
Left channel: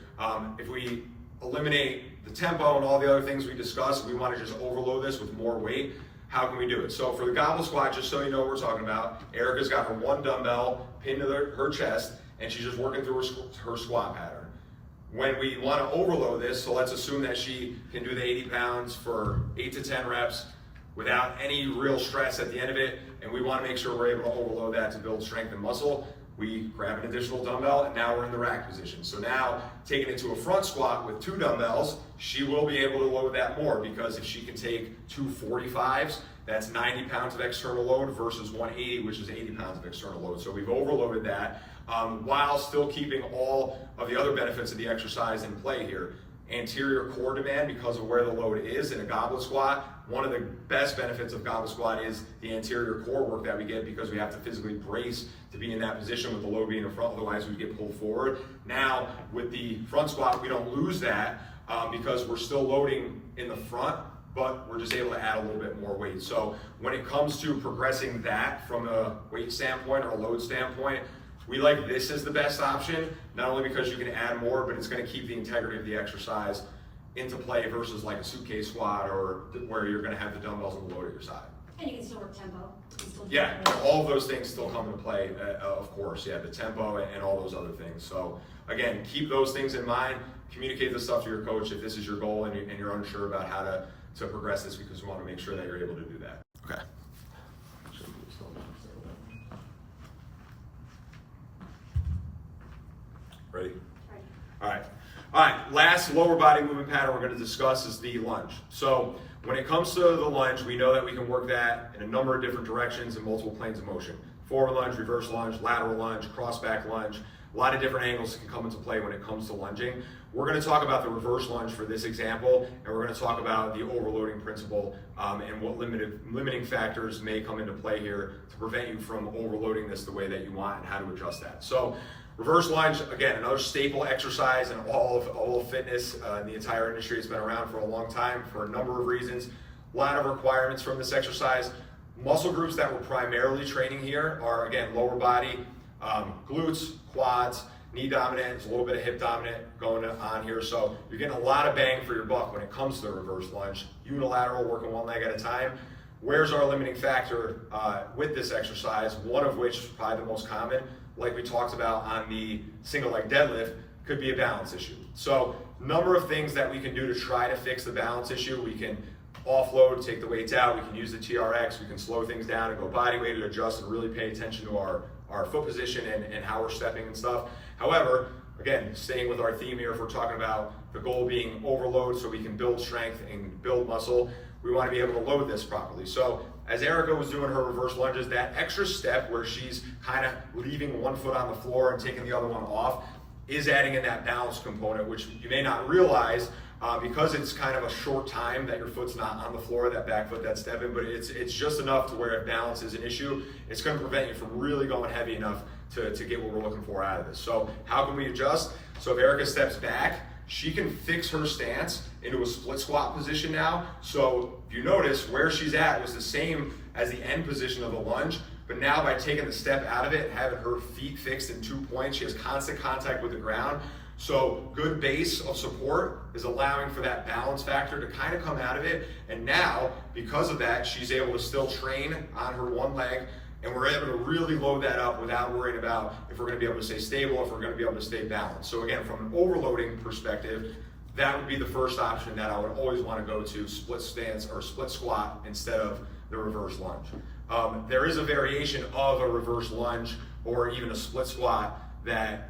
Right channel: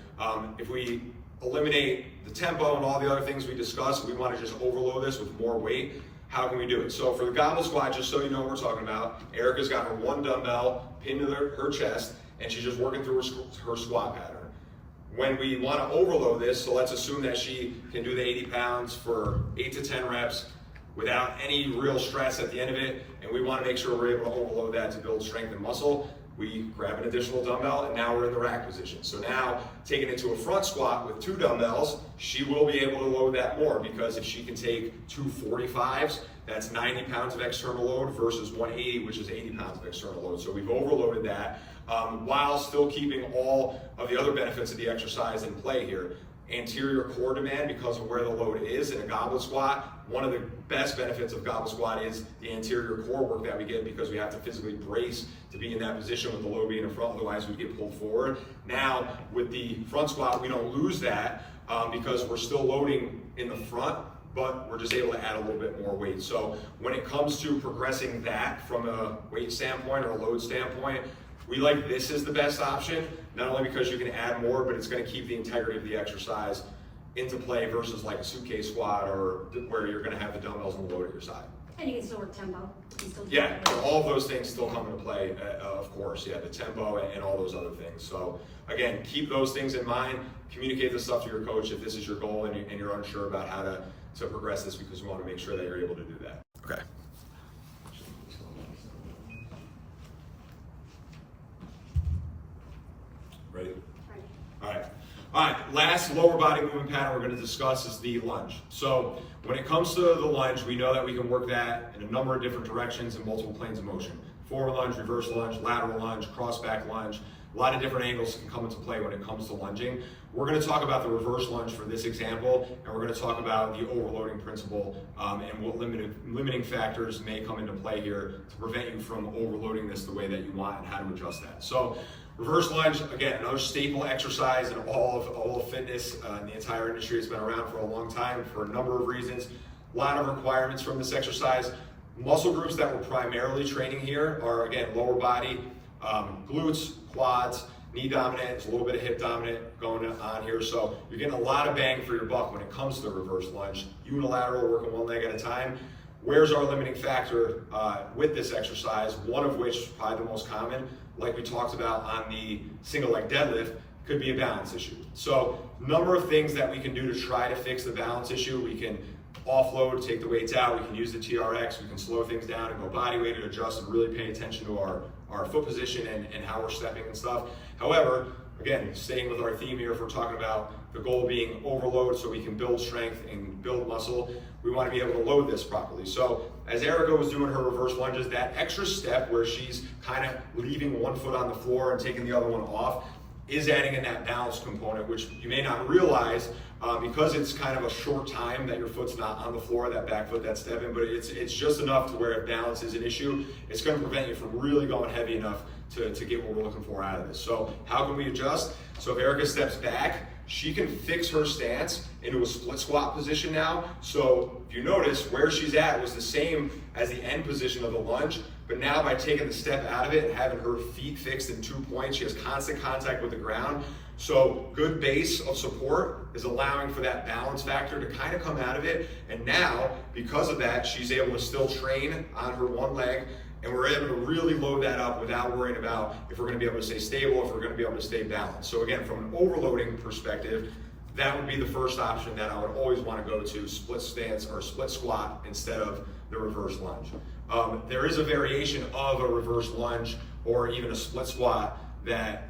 If we eliminate the tempo and all the other things we discussed, we want to just overload this with more weight. How can we do it? So for the Goblin Squat, just so you know what we're talking about, Erika's got her 1 dumbbell pinned to her chest, and she's just working through her squat pattern. When we want to overload this, so let's assume that she can do the 80 pounds for 8 to 10 reps without any real stress at the end of it, and we want to make sure we're able to overload that to build strength and muscle, we grab an additional dumbbell, and now we're in the rack position. So now, taking it to a front squat with 2 dumbbells, she will be able to load that more, because if she can take 2 45s, that's 90 pounds of external load versus 180, which is 80 pounds of external load. So we've overloaded that while still keeping all of the other benefits of the exercise in play here. Anterior core demand, because of where the load is in a Goblin Squat. One of the best benefits of Goblin Squat is the anterior core work that we get, because we have to physically brace to be in that position with the load being in front, otherwise we get pulled forward. Now, with the front squat, we don't lose that because we're still loading in the front, but we're just able to add a little bit more weight. So when it comes to progressing that from a weight standpoint or a load standpoint, we like this as the best option, not only because you can add more, but it's going to keep the integrity of the exercise into play versus like a suitcase squat or where you're going to have the dumbbells and the load at your side. And you can still work tempo. Yeah, and all of those things still come into play, of course. Yeah, the tempo and all those other things. So again, keep those things in mind. Communicate this stuff to your coach if this is your goal and you're unsure about how to progress this, because we want to make sure that you're able to do that. Okay. Ready? All right, last lower body movement pattern we're going to discuss is the lunge. So when it comes to the lunge, we know that we can work that in a number of different directions and multiple planes of motion. Forward lunge, reverse lunge, lateral lunge, cross back lunge. A lot of different angles can come into play when it comes to lunging. We're going to talk about the reverse lunge for this example, and we're going to talk about the overloading principle and what limiting factors may come into play here to prevent you from overloading this the way that you want and how to adjust that. So reverse lunge, again, another staple exercise in all of fitness in the entire industry. It's been around for a long time for a number of reasons. A lot of requirements from this exercise. Muscle groups that we're primarily training here are, again, lower body, glutes, quads, knee dominant, there's a little bit of hip dominant going on here. So you're getting a lot of bang for your buck when it comes to the reverse lunge. Unilateral, working one leg at a time. Where's our limiting factor with this exercise? One of which is probably the most common, like we talked about on the single leg deadlift, could be a balance issue. So number of things that we can do to try to fix the balance issue. We can offload, take the weights out, we can use the TRX, we can slow things down and go body weight and adjust and really pay attention to our foot position and how we're stepping and stuff. However, again, staying with our theme here, if we're talking about the goal being overload so we can build strength and build muscle, we want to be able to load this properly. So as Erika was doing her reverse lunges, that extra step where she's kind of leaving one foot on the floor and taking the other one off is adding in that balance component, which you may not realize because it's kind of a short time that your foot's not on the floor, that back foot that's stepping, but it's just enough to where if balance is an issue, it's going to prevent you from really going heavy enough to get what we're looking for out of this. So how can we adjust? So if Erika steps back, she can fix her stance into a split squat position now. So if you notice, where she's at was the same as the end position of the lunge, but now by taking the step out of it and having her feet fixed in 2 points, she has constant contact with the ground. So good base of support is allowing for that balance factor to kind of come out of it. And now, because of that, she's able to still train on her one leg, and we're able to really load that up without worrying about if we're going to be able to stay stable, if we're going to be able to stay balanced. So again, from an overloading perspective, that would be the first option that I would always want to go to, split stance or split squat instead of the reverse lunge. There is a variation of a reverse lunge or even a split squat that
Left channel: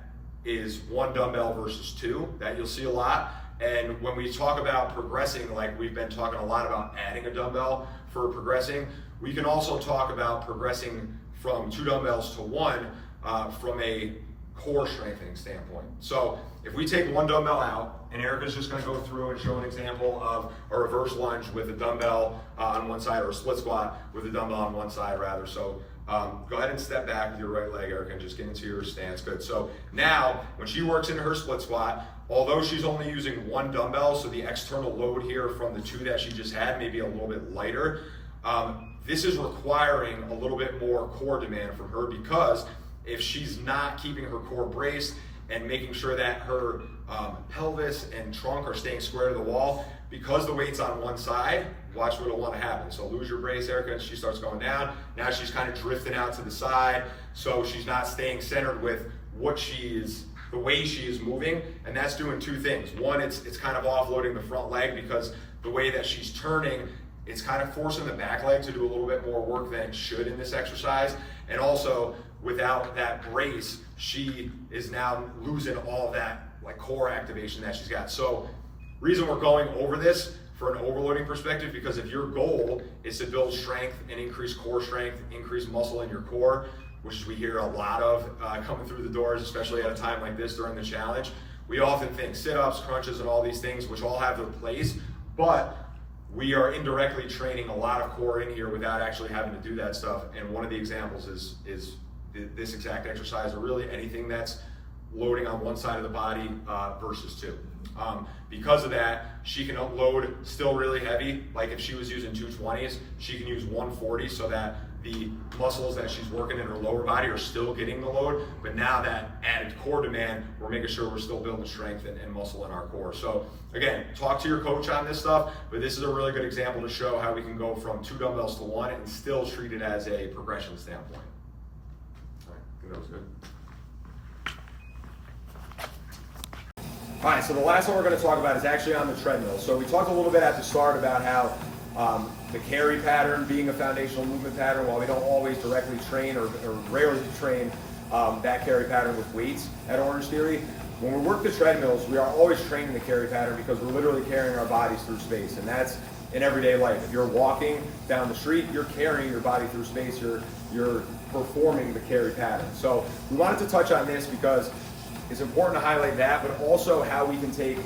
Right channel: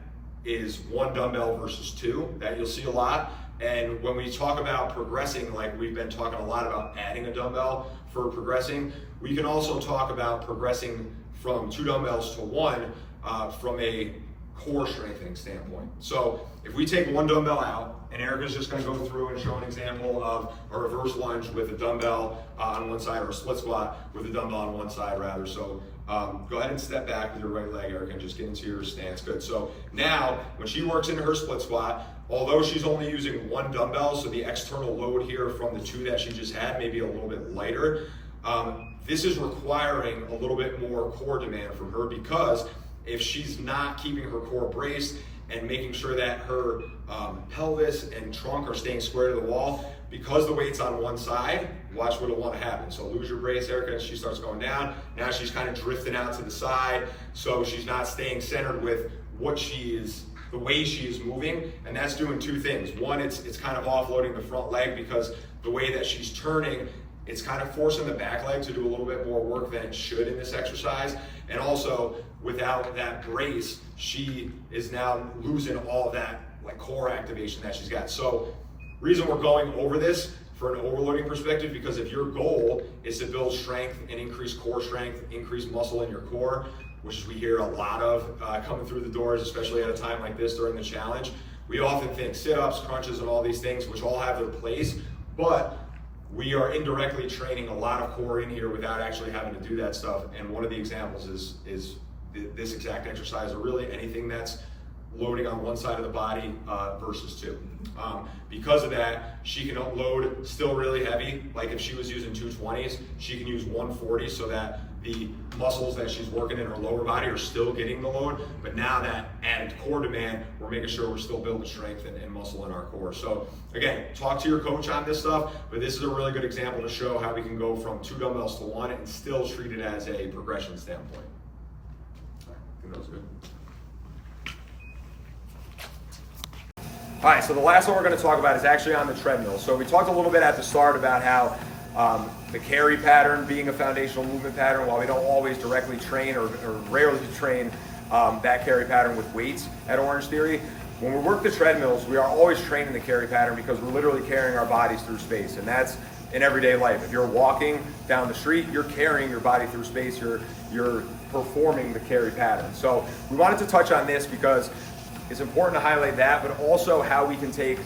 is one dumbbell versus two, that you'll see a lot. And when we talk about progressing, like we've been talking a lot about adding a dumbbell for progressing, we can also talk about progressing from 2 dumbbells to 1 from a core strengthening standpoint. So if we take 1 dumbbell out, and Erika's just going to go through and show an example of a reverse lunge with a dumbbell on one side, or a split squat with a dumbbell on one side rather. So go ahead and step back with your right leg, Erika, and just get into your stance. Good. So now when she works into her split squat, although she's only using 1 dumbbell, so the external load here from the 2 that she just had may be a little bit lighter, this is requiring a little bit more core demand from her, because if she's not keeping her core braced and making sure that her pelvis and trunk are staying square to the wall, because the weight's on one side, watch what'll want to happen. So lose your brace, Erika, and she starts going down. Now she's kind of drifting out to the side, so she's not staying centered with what she is, the way she is moving, and that's doing 2 things. One, it's kind of offloading the front leg, because the way that she's turning, it's kind of forcing the back leg to do a little bit more work than it should in this exercise. And also, without that brace, she is now losing all that like core activation that she's got. So reason we're going over this for an overloading perspective, because if your goal is to build strength and increase core strength, increase muscle in your core, which we hear a lot of coming through the doors, especially at a time like this during the challenge, we often think sit-ups, crunches, and all these things, which all have their place, but we are indirectly training a lot of core in here without actually having to do that stuff. And one of the examples is this exact exercise, or really anything that's loading on one side of the body versus 2. Because of that, she can load still really heavy. Like if she was using 220s, she can use 140 so that the muscles that she's working in her lower body are still getting the load. But now that added core demand, we're making sure we're still building strength and muscle in our core. So again, talk to your coach on this stuff, but this is a really good example to show how we can go from 2 dumbbells to 1 and still treat it as a progression standpoint. All right, I think that was good. All right, so the last one we're going to talk about is actually on the treadmill. So we talked a little bit at the start about how the carry pattern being a foundational movement pattern, while we don't always directly train or rarely train that carry pattern with weights at Orange Theory, when we work the treadmills, we are always training the carry pattern, because we're literally carrying our bodies through space, and that's in everyday life. If you're walking down the street, you're carrying your body through space, you're performing the carry pattern. So we wanted to touch on this because it's important to highlight that, but also how we can take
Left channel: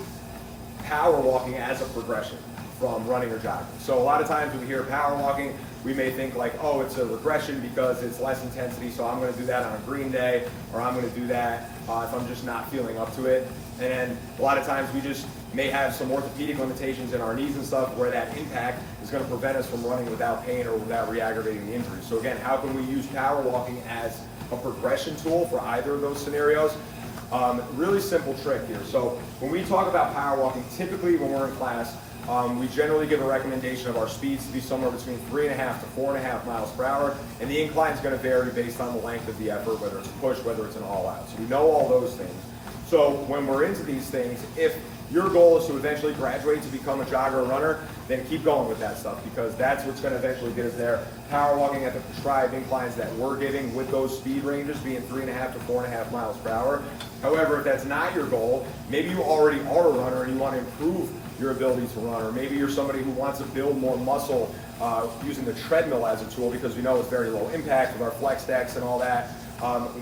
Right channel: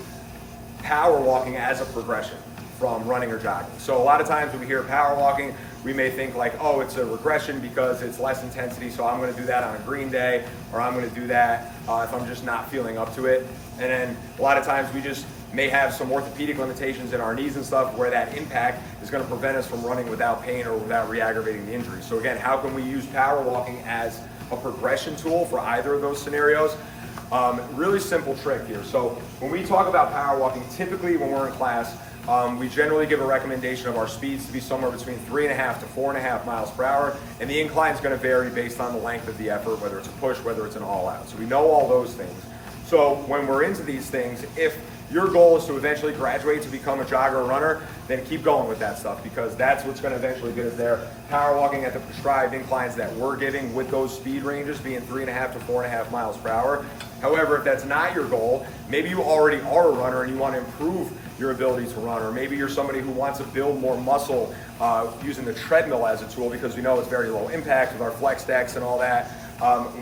power walking as a progression from running or jogging. So a lot of times when we hear power walking, we may think like, oh, it's a regression because it's less intensity, so I'm going to do that on a green day, or I'm going to do that if I'm just not feeling up to it. And then a lot of times we just may have some orthopedic limitations in our knees and stuff where that impact is going to prevent us from running without pain or without re-aggravating the injury. So again, how can we use power walking as a progression tool for either of those scenarios? Really simple trick here. So when we talk about power walking, typically when we're in class, we generally give a recommendation of our speeds to be somewhere between 3.5 to 4.5 miles per hour, and the incline is going to vary based on the length of the effort, whether it's a push, whether it's an all-out. So we know all those things. So when we're into these things, if your goal is to eventually graduate to become a jogger or runner, then keep going with that stuff, because that's what's going to eventually get us there. Power walking at the prescribed inclines that we're giving with those speed ranges being 3.5 to 4.5 miles per hour. However, if that's not your goal, maybe you already are a runner and you want to improve your ability to run, or maybe you're somebody who wants to build more muscle using the treadmill as a tool, because we know it's very low impact with our flex decks and all that.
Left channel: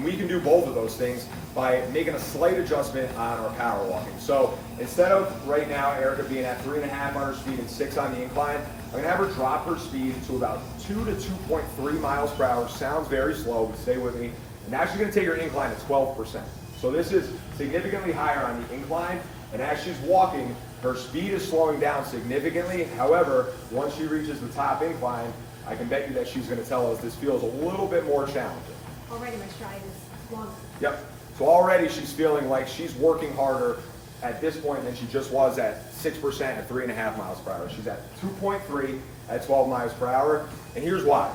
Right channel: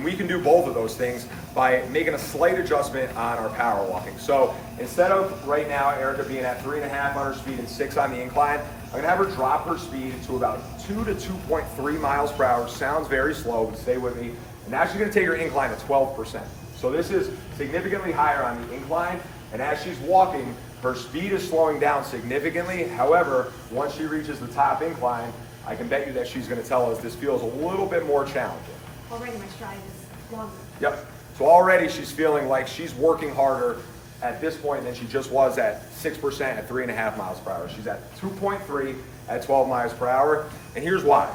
We can do both of those things by making a slight adjustment on our power walking. So instead of right now Erika being at 3.5 on her speed and 6 on the incline, I'm going to have her drop her speed to about 2 to 2.3 miles per hour. Sounds very slow, but stay with me. And now she's going to take her incline to 12%. So this is significantly higher on the incline, and as she's walking, her speed is slowing down significantly. However, once she reaches the top incline, I can bet you that she's going to tell us this feels a little bit more challenging. Already my stride is longer. Yep. So already she's feeling like she's working harder at this point than she just was at 6% at 3.5 miles per hour. She's at 2.3 at 12 miles per hour. And here's why.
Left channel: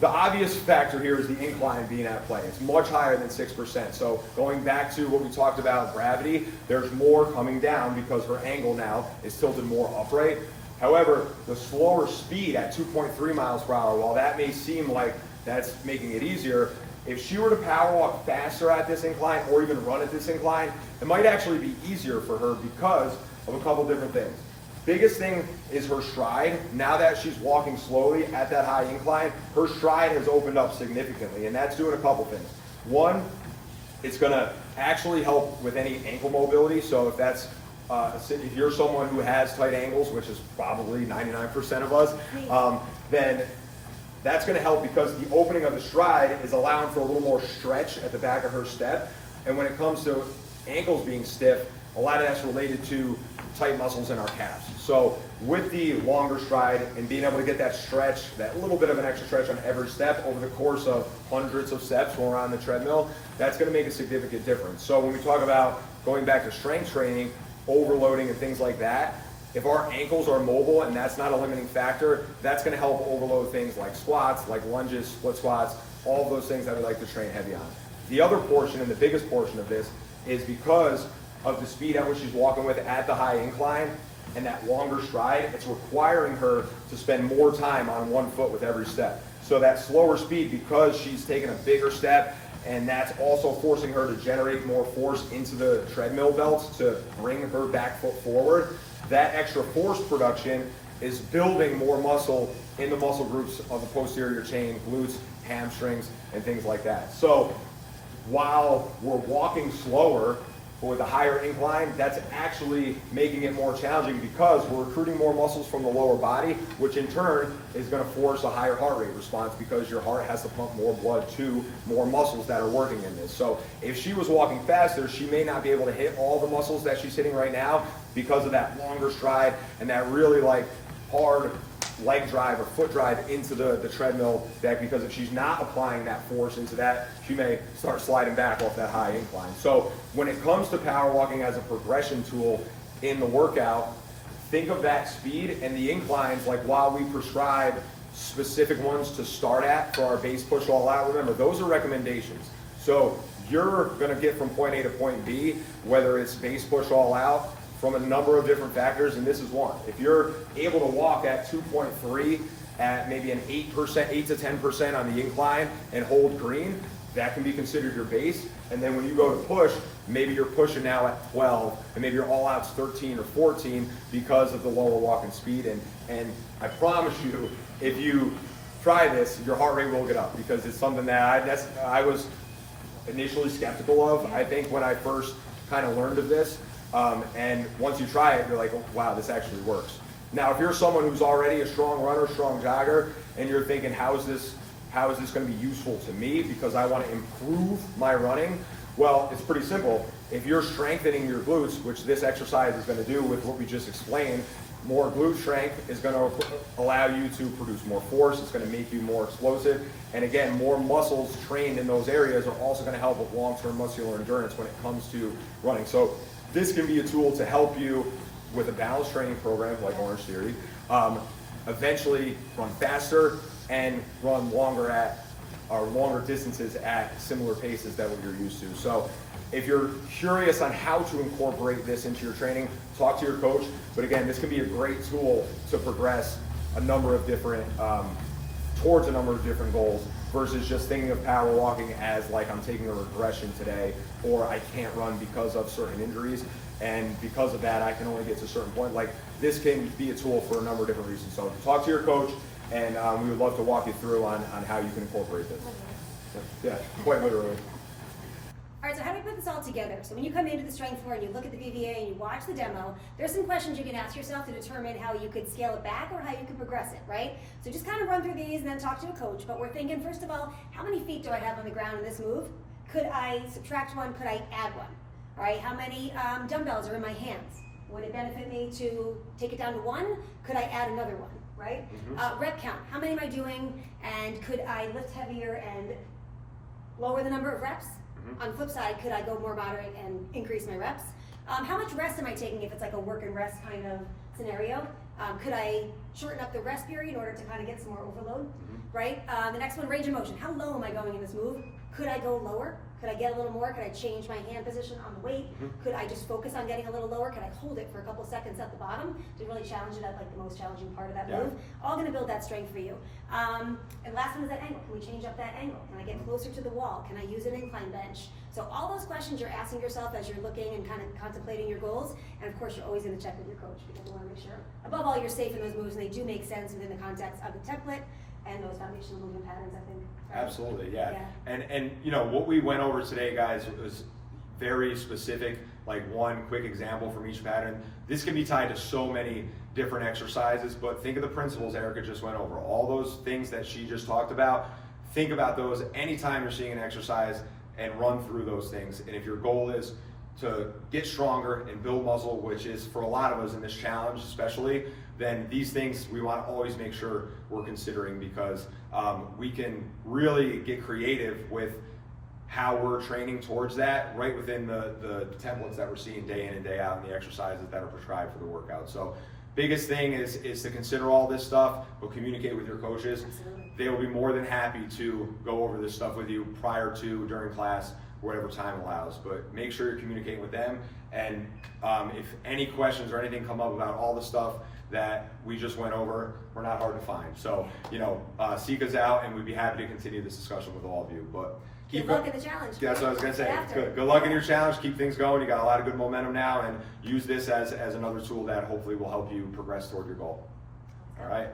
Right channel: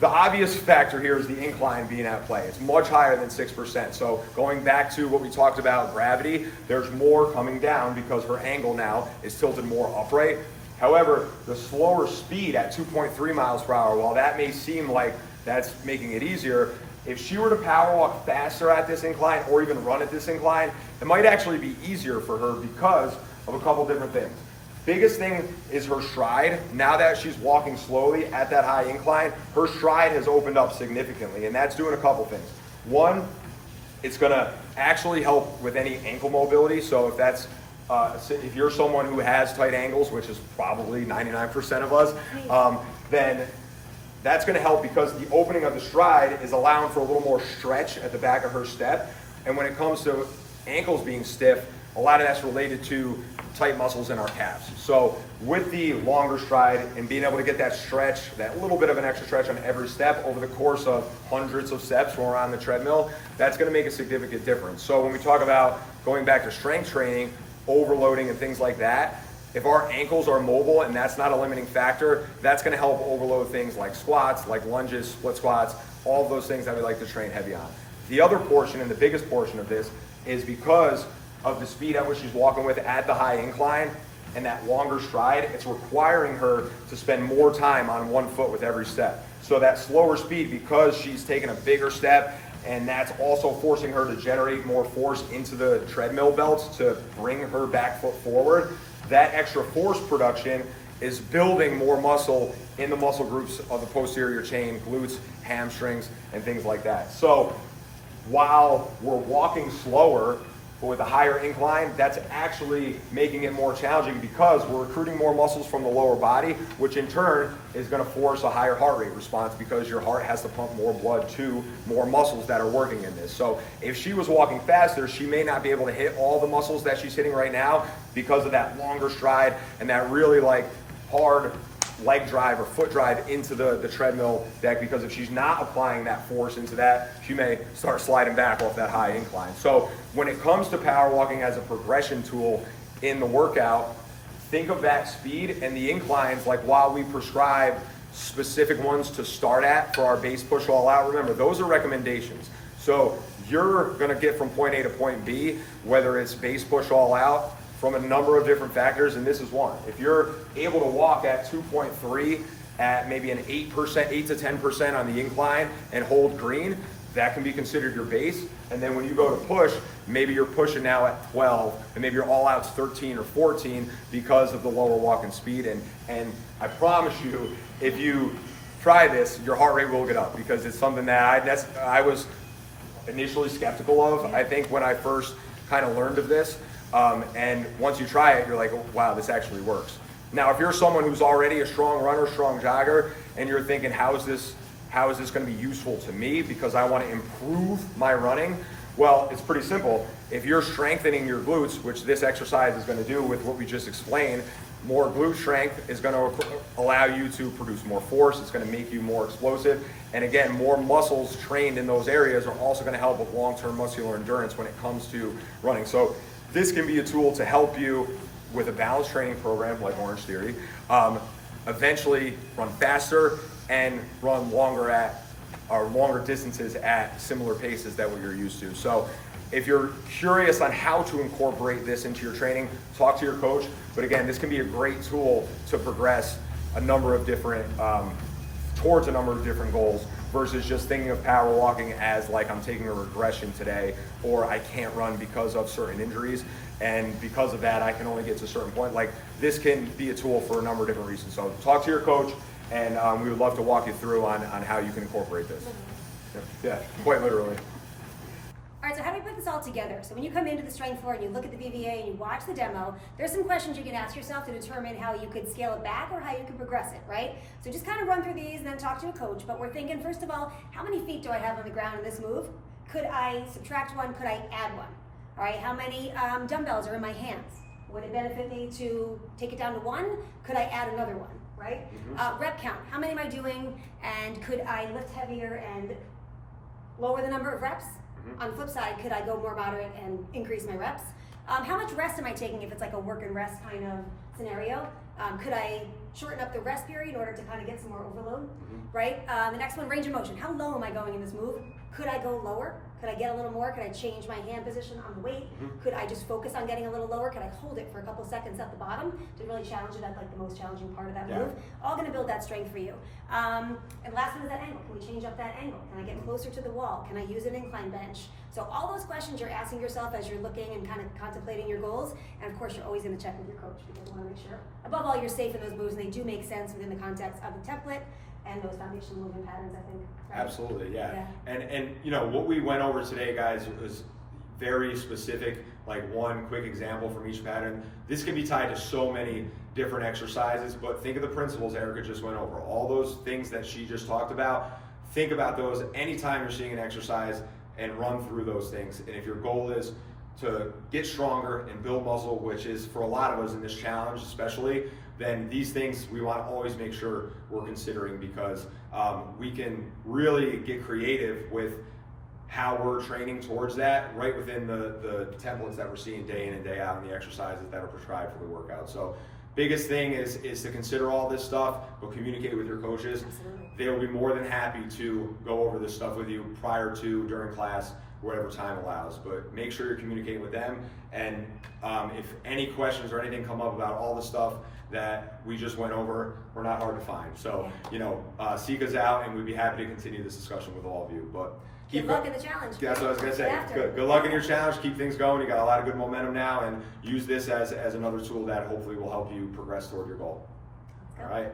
The obvious factor here is the incline being at play. It's much higher than 6%. So going back to what we talked about, gravity, there's more coming down because her angle now is tilted more upright. However, the slower speed at 2.3 miles per hour, while that may seem like that's making it easier, if she were to power walk faster at this incline or even run at this incline, it might actually be easier for her because of a couple different things. Biggest thing is her stride. Now that she's walking slowly at that high incline, her stride has opened up significantly, and that's doing a couple things. One, it's going to actually help with any ankle mobility. So if that's if you're someone who has tight ankles, which is probably 99% of us, then that's going to help because the opening of the stride is allowing for a little more stretch at the back of her step. And when it comes to ankles being stiff, a lot of that's related to tight muscles in our calves. So with the longer stride and being able to get that stretch, that little bit of an extra stretch on every step over the course of hundreds of steps when we're on the treadmill, that's going to make a significant difference. So when we talk about going back to strength training, overloading and things like that, if our ankles are mobile and that's not a limiting factor, that's going to help overload things like squats, like lunges, split squats, all of those things that we like to train heavy on. The other portion and the biggest portion of this is because of the speed at which she's walking with at the high incline and that longer stride, it's requiring her to spend more time on one foot with every step. So that slower speed, because she's taking a bigger step, and that's also forcing her to generate more force into the treadmill belts to bring her back foot forward, that extra force production is building more muscle in the muscle groups of the posterior chain, glutes, hamstrings, and things like that. So while we're walking slower, but with a higher incline, that's actually making it more challenging because we're recruiting more muscles from the lower body, which in turn is going to force a higher heart rate response because your heart has to pump more blood to more muscles that are working in this. So if she was walking faster, she may not be able to hit all the muscles that she's hitting right now because of that longer stride and that really like hard leg drive or foot drive into the treadmill deck, because if she's not applying that force into that, she may start sliding back off that high incline. So when it comes to power walking as a progression tool in the workout, think of that speed and the inclines, like while we prescribe specific ones to start at for our base push all out, remember those are recommendations. So you're going to get from point A to point B, whether it's base push all out, from a number of different factors, and this is one. If you're able to walk at 2.3 at maybe an 8%, 8 to 10% on the incline and hold green, that can be considered your base. And then when you go to push, maybe you're pushing now at 12, and maybe your all out's 13 or 14 because of the lower walking speed. And I promise you, if you try this, your heart rate will get up, because it's something that I was initially skeptical of, I think, when I first kind of learned of this. And once you try it, you're like, oh, wow, this actually works. Now, if you're someone who's already a strong runner, strong jogger, and you're thinking, how is this going to be useful to me because I want to improve my running? Well, it's pretty simple. If you're strengthening your glutes, which this exercise is going to do with what we just explained, more glute strength is going to allow you to produce more force. It's going to make you more explosive. And again, more muscles trained in those areas are also going to help with long-term muscular endurance when it comes to running. So this can be a tool to help you with a balanced training program like Orange Theory, eventually run faster and run longer distances at similar paces that what you're used to. So if you're curious on how to incorporate this into your training, talk to your coach. But again, this can be a great tool to progress a number of different, towards a number of different goals versus just thinking of power walking as like I'm taking a regression today, or I can't run because of certain injuries. And because of that, I can only get to a certain point. Like this can be a tool for a number of different reasons. So talk to your coach, and we would love to walk you through on how you can incorporate this. Yeah, quite literally. All right, so how do we put this all together? So when you come into the strength floor and you look at the BVA and you watch the demo, there's some questions you can ask yourself to determine how you could scale it back or how you can progress it, right? So just kind of run through these and then talk to a coach. But we're thinking, first of all, how many feet do I have on the ground in this move? Could I subtract one? Could I add one? All right, how many dumbbells are in my hands? Would it benefit me to take it down to one? Could I add another one, right? Rep count, how many am I doing? And could I lift heavier and lower the number of reps? On the flip side, could I go more moderate and increase my reps? How much rest am I taking if it's like a work and rest kind of scenario? Could I shorten up the rest period in order to kind of get some more overload, right? The next one, range of motion. How low am I going in this move? Could I go lower? Could I get a little more? Could I change my hand position on the weight? Could I just focus on getting a little lower? Could I hold it for a couple seconds at the bottom to really challenge it at like the most challenging part of that move? All gonna build that strength for you. And last one is that angle. Can we change up that angle? Can I get closer to the wall? Can I use an incline bench? So all those questions you're asking yourself as you're looking and kind of contemplating your goals. And of course, you're always gonna check with your coach because you wanna make sure, above all, you're safe in those moves and they do make sense within the context of the template and those foundational movement patterns, I think. Right? Absolutely, yeah. And you know, what we went over today, guys, was very specific, like one quick example from each pattern. This can be tied to so many different exercises, but think of the principles Erika just went over. All those things that she just talked about, think about those anytime you're seeing an exercise and run through those things. And if your goal is to get stronger and build muscle, which is for a lot of us in this challenge especially, then these things we want to always make sure we're considering because we can really get creative with how we're training towards that right within the templates that we're seeing day in and day out and the exercises that are prescribed for the workout. So biggest thing is to consider all this stuff, but communicate with your coaches. Absolutely. They will be more than happy to go over this stuff with you prior to, during class, whatever time allows. But make sure you're communicating with them. And if any questions or anything come up about all the stuff that we just went over, we're not hard to find. So, you know, seek us out and we'd be happy to continue this discussion with all of you. But Good luck in the challenge. That's what I was gonna say. After. Good luck in your challenge. Keep things going. You got a lot of good momentum now, and use this as another tool that hopefully will help you progress toward your goal. All right.